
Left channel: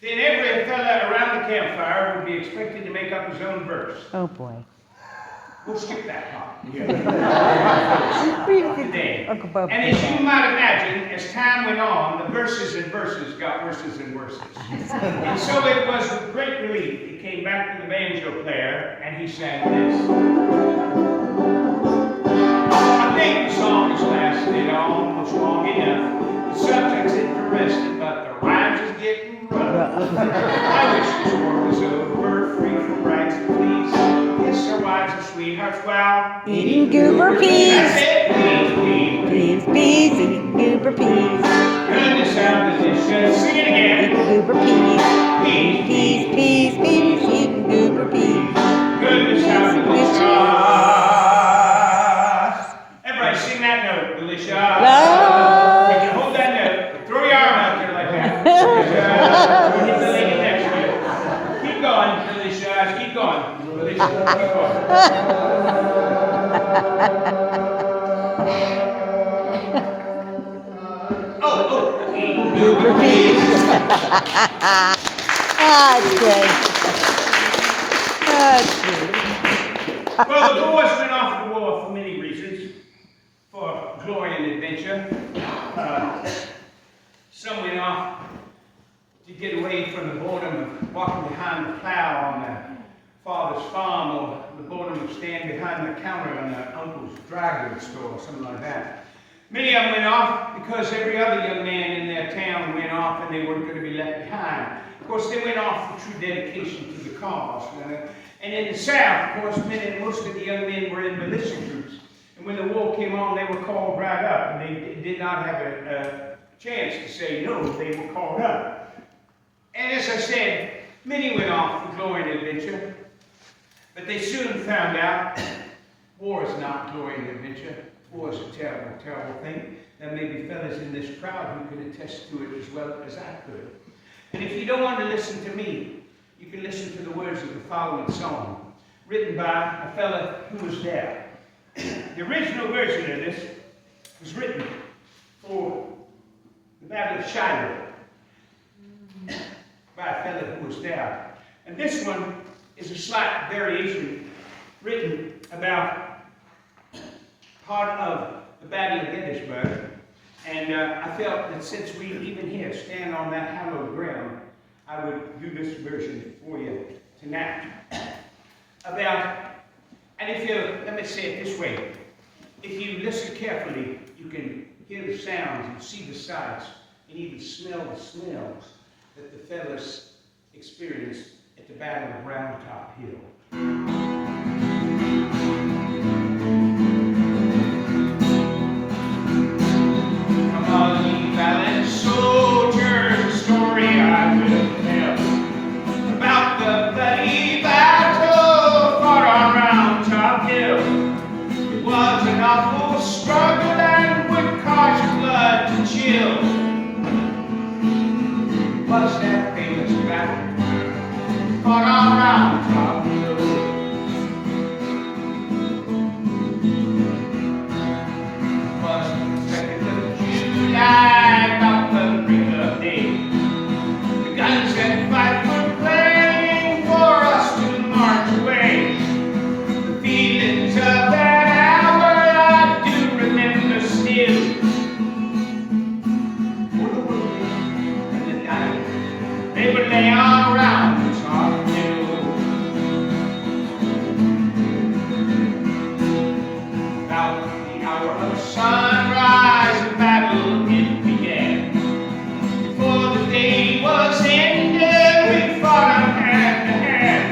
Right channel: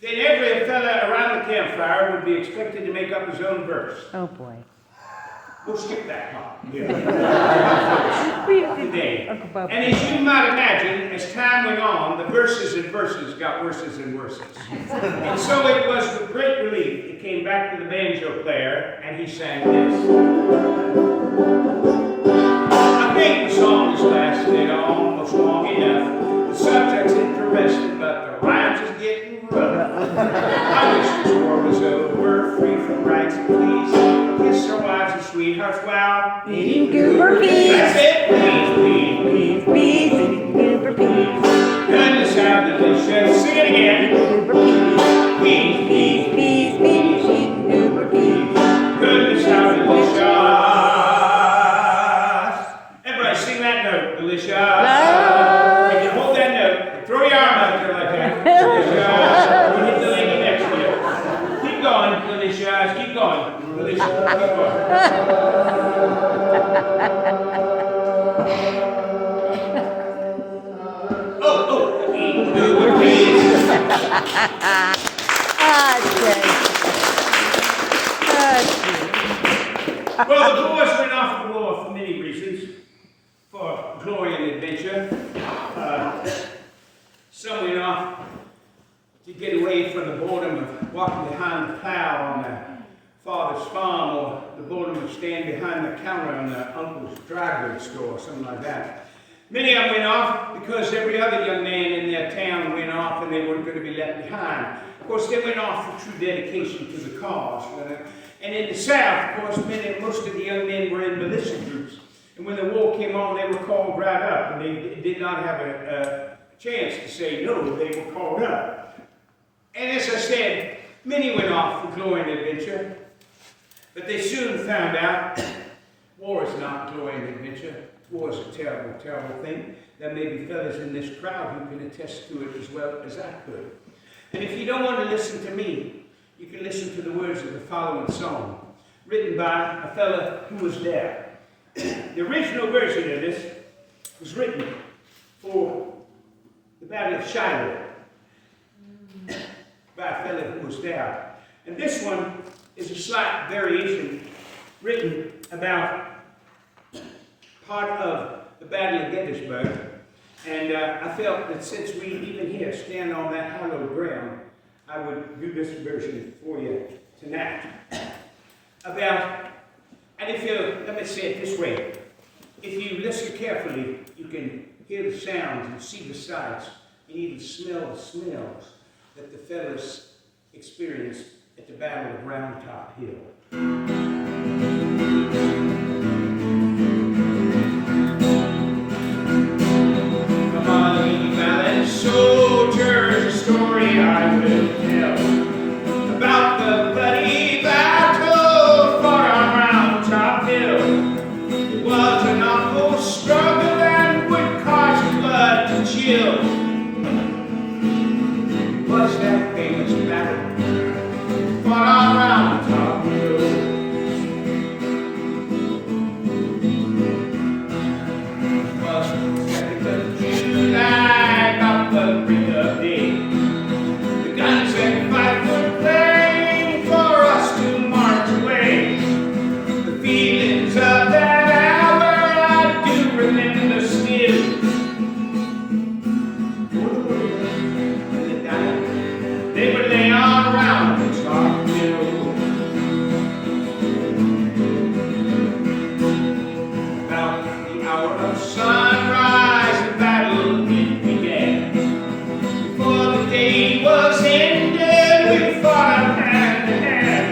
then every fella around the campfire would be expected to make up his own verse. Oh boy. We'll skip that part. Today. Today. Uncle Bob. And as you might imagine, as time went on, the verses and verses got worses and worses. And so it was with great relief he came back to the banjo player and he sang this. I think the song has lasted almost long enough. The subject's interesting, but the rhymes is getting rough. I wish this war was over, free from rights and please. Kiss our wives and sweethearts while Eating goober peas. That's it. Peas, peas, Peas, peas, eating goober peas. goodness, how delicious. Sing it again. Eating goober peas. Peas, Peas, peas, peas, eating goober peas. goodness, how delicious. Everybody sing that note, delicious. You can hold that note. Throw your arm out there like that. Delicious. You hit the lady next to you. Keep going, delicious. Keep going. Delicious. Keep going. Oh, eating goober peas. That's good. That's good. Well, the boys went off to war for many reasons. For glory and adventure. Some went off to get away from the boredom of walking behind the plow on their father's farm, or the boredom of standing behind the counter on their uncle's dry goods store, or something like that. Many of them went off because every other young man in their town went off and they weren't going to be left behind. Of course, they went off for true dedication to the cause. And in the South, of course, most of the young men were in militia groups. And when the war came on, they were called right up, and they did not have a chance to say no. They were called up. And as I said, many went off for glory and adventure, but they soon found out war is not glory and adventure. War is a terrible, terrible thing. There may be fellas in this crowd who can attest to it as well as I could. And if you don't want to listen to me, you can listen to the words of the following song, written by a fella who was there. The original version of this was written for the Battle of Shiloh. that fellow who was there. And this one is a slight variation written about part of the Battle of Gettysburg. And I felt that since we even here stand on that hallowed ground, I would do this version for you tonight. And if you, let me say it this way, if you listen carefully, you can hear the sounds and see the sights and even smell the smells that the fellows experienced at the Battle of Round Top Hill. Come on, ye valiant soldiers, a story I will tell about the bloody battle fought on Round Top Hill. It was an awful struggle and would cause your blood to chill. It was that famous battle fought on Round Top Hill. It was the 2nd of July, about the break of day. The guns and fifes were playing for us to march away. The feelings of that hour I do remember still. For the wounded and the dying, they would lay on Round Top Hill. About the hour of sunrise, the battle it began. Before the day was ended, we fought up hand to hand.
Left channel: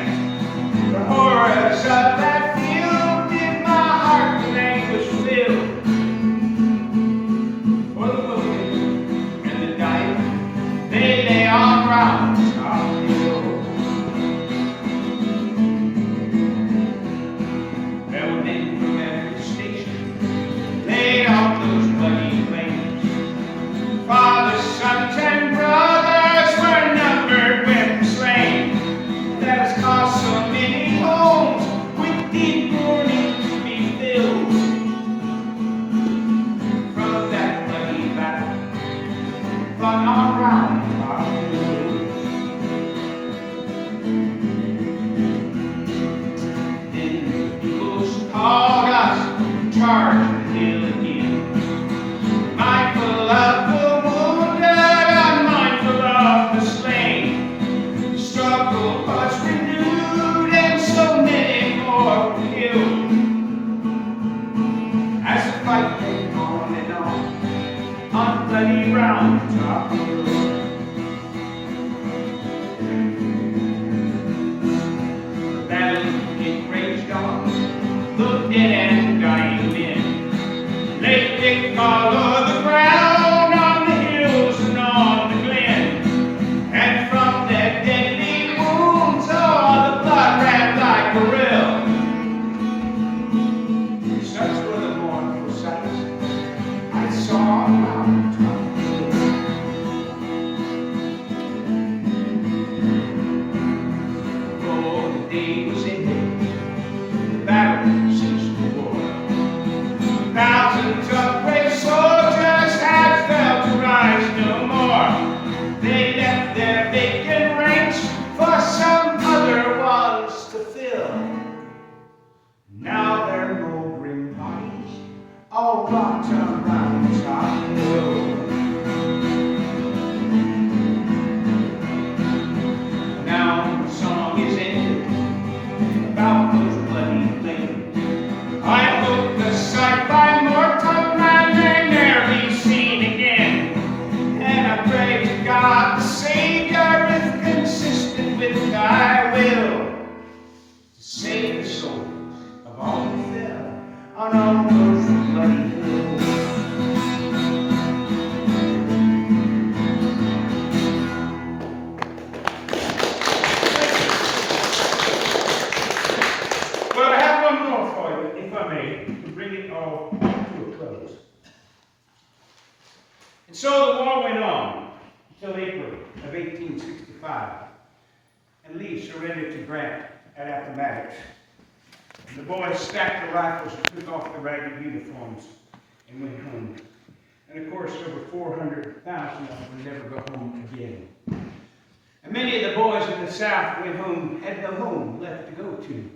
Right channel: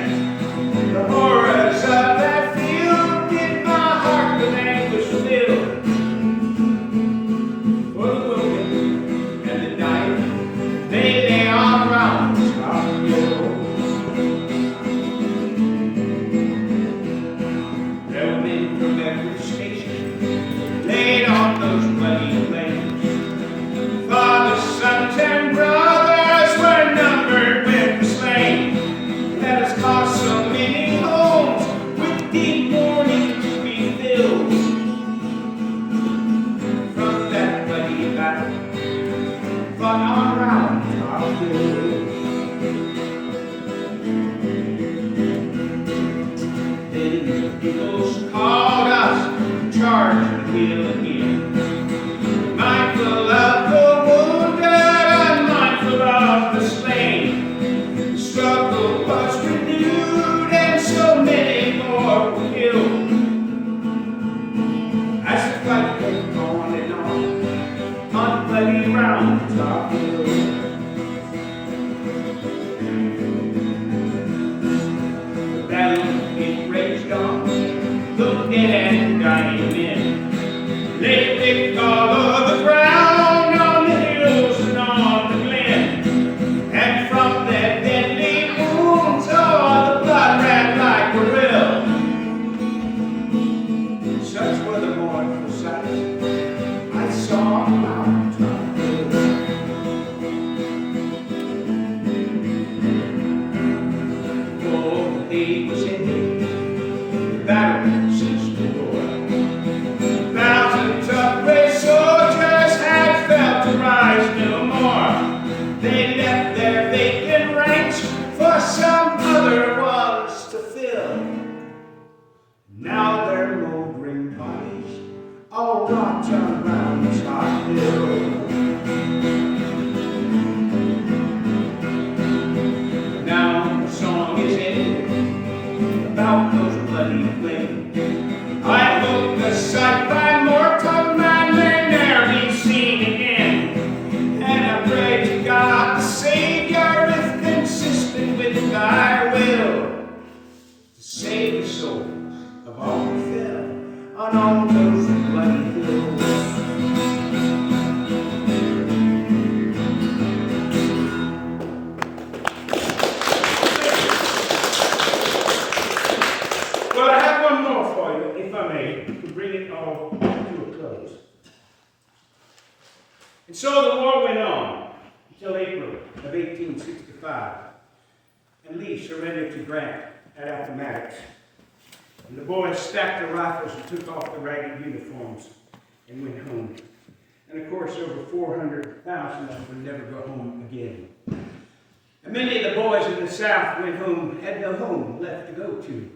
The horrors of that field did my heart with anguish fill. For the wounded and the dying, they lay on Round Top Hill. There were men from every station laid on those bloody plains. Fathers, sons, and brothers were numbered with the slain. That has caused so many homes with deep mourning to be filled. From that bloody battle fought on Round Top Hill. Then the peoples called us to charge the hill again. Mindful of the wounded and mindful of the slain. The struggle was renewed and so many more were killed. As the fight went on and on bloody Round Top Hill. The battle it raged on, the dead and dying men lay thick all over the ground on the hills and on the glen. And from their deadly wounds, oh, the blood ran like a rill. Such were the mournful sights I saw on Round Top Hill. Before the day was ended, the battle ceased to war. Thousands of brave soldiers had felt to rise no more. They left their vacant ranks for some other ones to fill. Now their moldering bodies all rot on Round Top Hill. Now the song is ended about those bloody plains. I hope the sight by mortal man may ne'er be seen again. And I pray to God the Savior, if consistent with thy will, to save the souls of all who fell on all those bloody hills. Well, I have one more for you, if I may, to bring it all to a close. And so the war went on until April of 1865, and Lee surrendered to Grant at Appomattox. And the boys stacked the rifles and took off the ragged uniforms and went home. And of course, over 400,000 of them would never go home again. And many of the boys in the South went home, had no home left to go to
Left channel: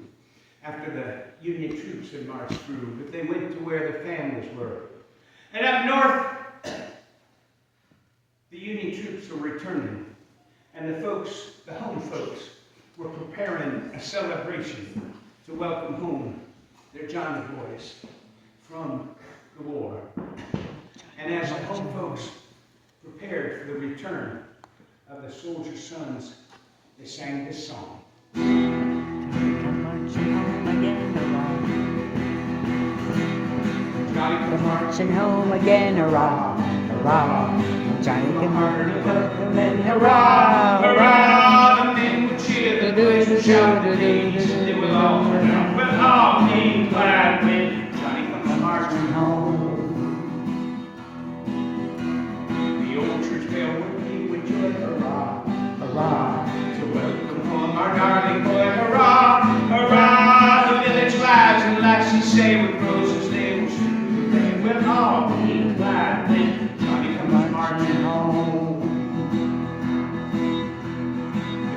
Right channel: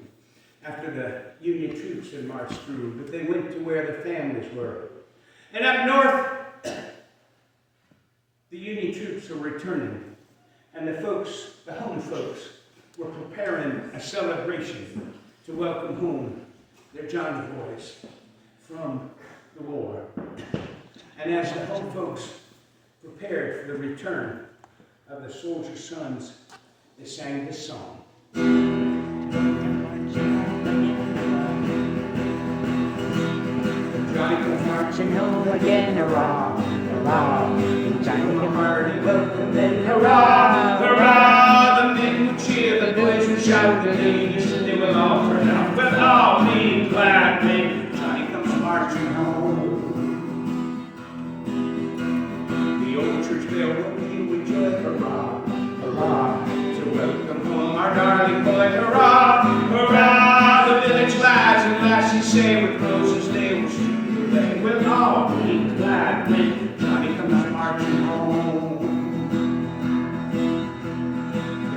after the Union troops had marched through, but they went to where the families were. And up north, the Union troops were returning, and the home folks, were preparing a celebration to welcome home their Johnny boys from the war. And as the home folks prepared for the return of the soldier sons, they sang this song. Johnny come marching home again, hurrah, hurrah. Johnny come marching home again, hurrah, hurrah. The men would cheer, the boys would shout, the ladies, and they will all turn out. We'll all be glad when Johnny comes marching home. The old church bell will ring with joy, hurrah, hurrah. To welcome home our darling boy, hurrah, hurrah. The village lads and lassies say with roses they will shoot the way. We'll all be glad when Johnny comes marching home.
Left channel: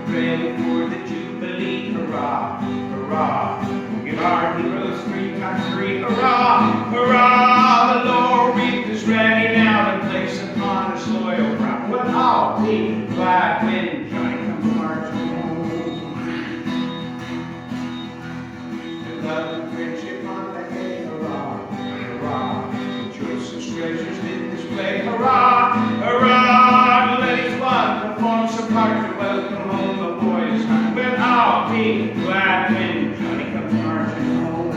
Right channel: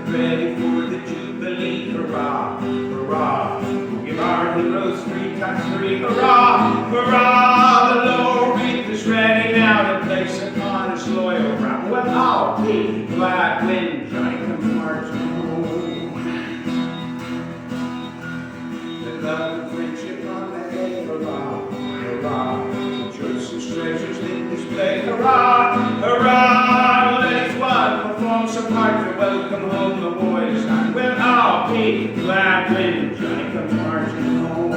They're ready for the Jubilee, hurrah, hurrah. We'll give our heroes 3 times 3, hurrah, hurrah. The laurel wreath is ready now to place upon his loyal brow. We'll all be glad when Johnny comes marching home. And love and friendship on the head, hurrah, hurrah. The choicest treasures in display, hurrah, hurrah. Let each one perform some part to welcome home the boys. We'll all be glad when Johnny comes marching home.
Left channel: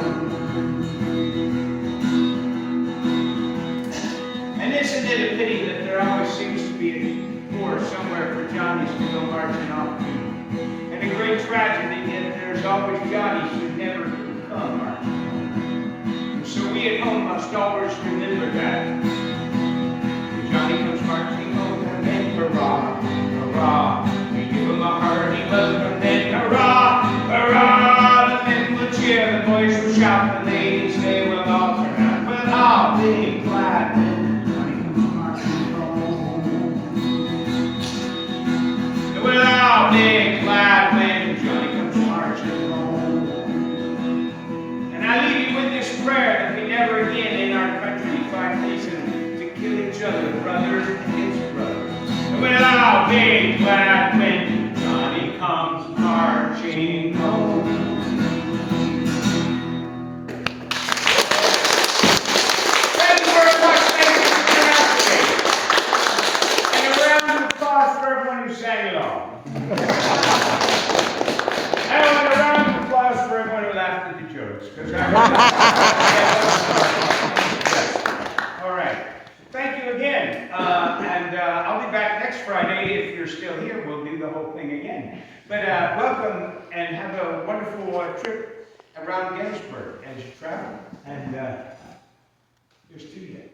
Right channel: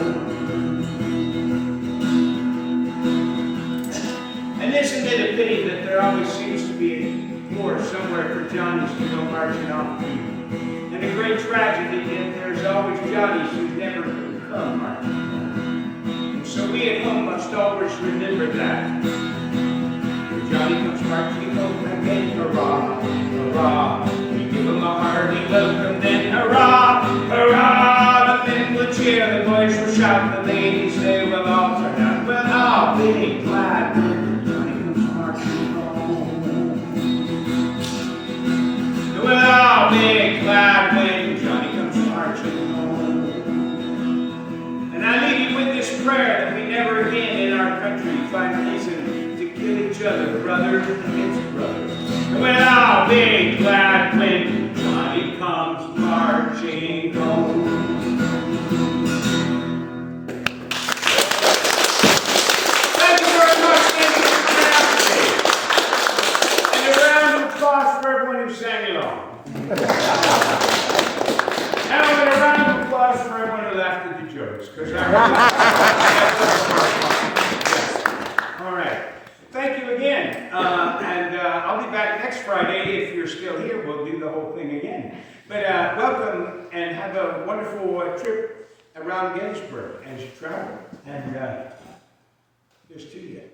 And isn't it a pity that there always seems to be a port somewhere for Johnnies to go marching off to? And a great tragedy in that there's always Johnnies who never come marching home. And so we at home must always remember that. When Johnny comes marching home again, hurrah, hurrah. We give him a hearty welcome then, hurrah, hurrah. The men will cheer, the boys will shout, the ladies they will all turn out. We'll all be glad when Johnny comes marching home. We'll all be glad when Johnny comes marching home. And I leave you with this prayer that we never again in our country find reason to kill each other, brothers against brothers. And we'll all be glad when Johnny comes marching home. Thank you very much. Thank you for coming out today. And a round of applause for everyone who sang along. And a round of applause for everyone who laughed at the jokes. Because all right. Thank you again. And I'll be back next Friday. If you're still here, we'll do the whole thing again. But welcome and have a wonderful trip around Gettysburg as you travel. And there's 2 yet.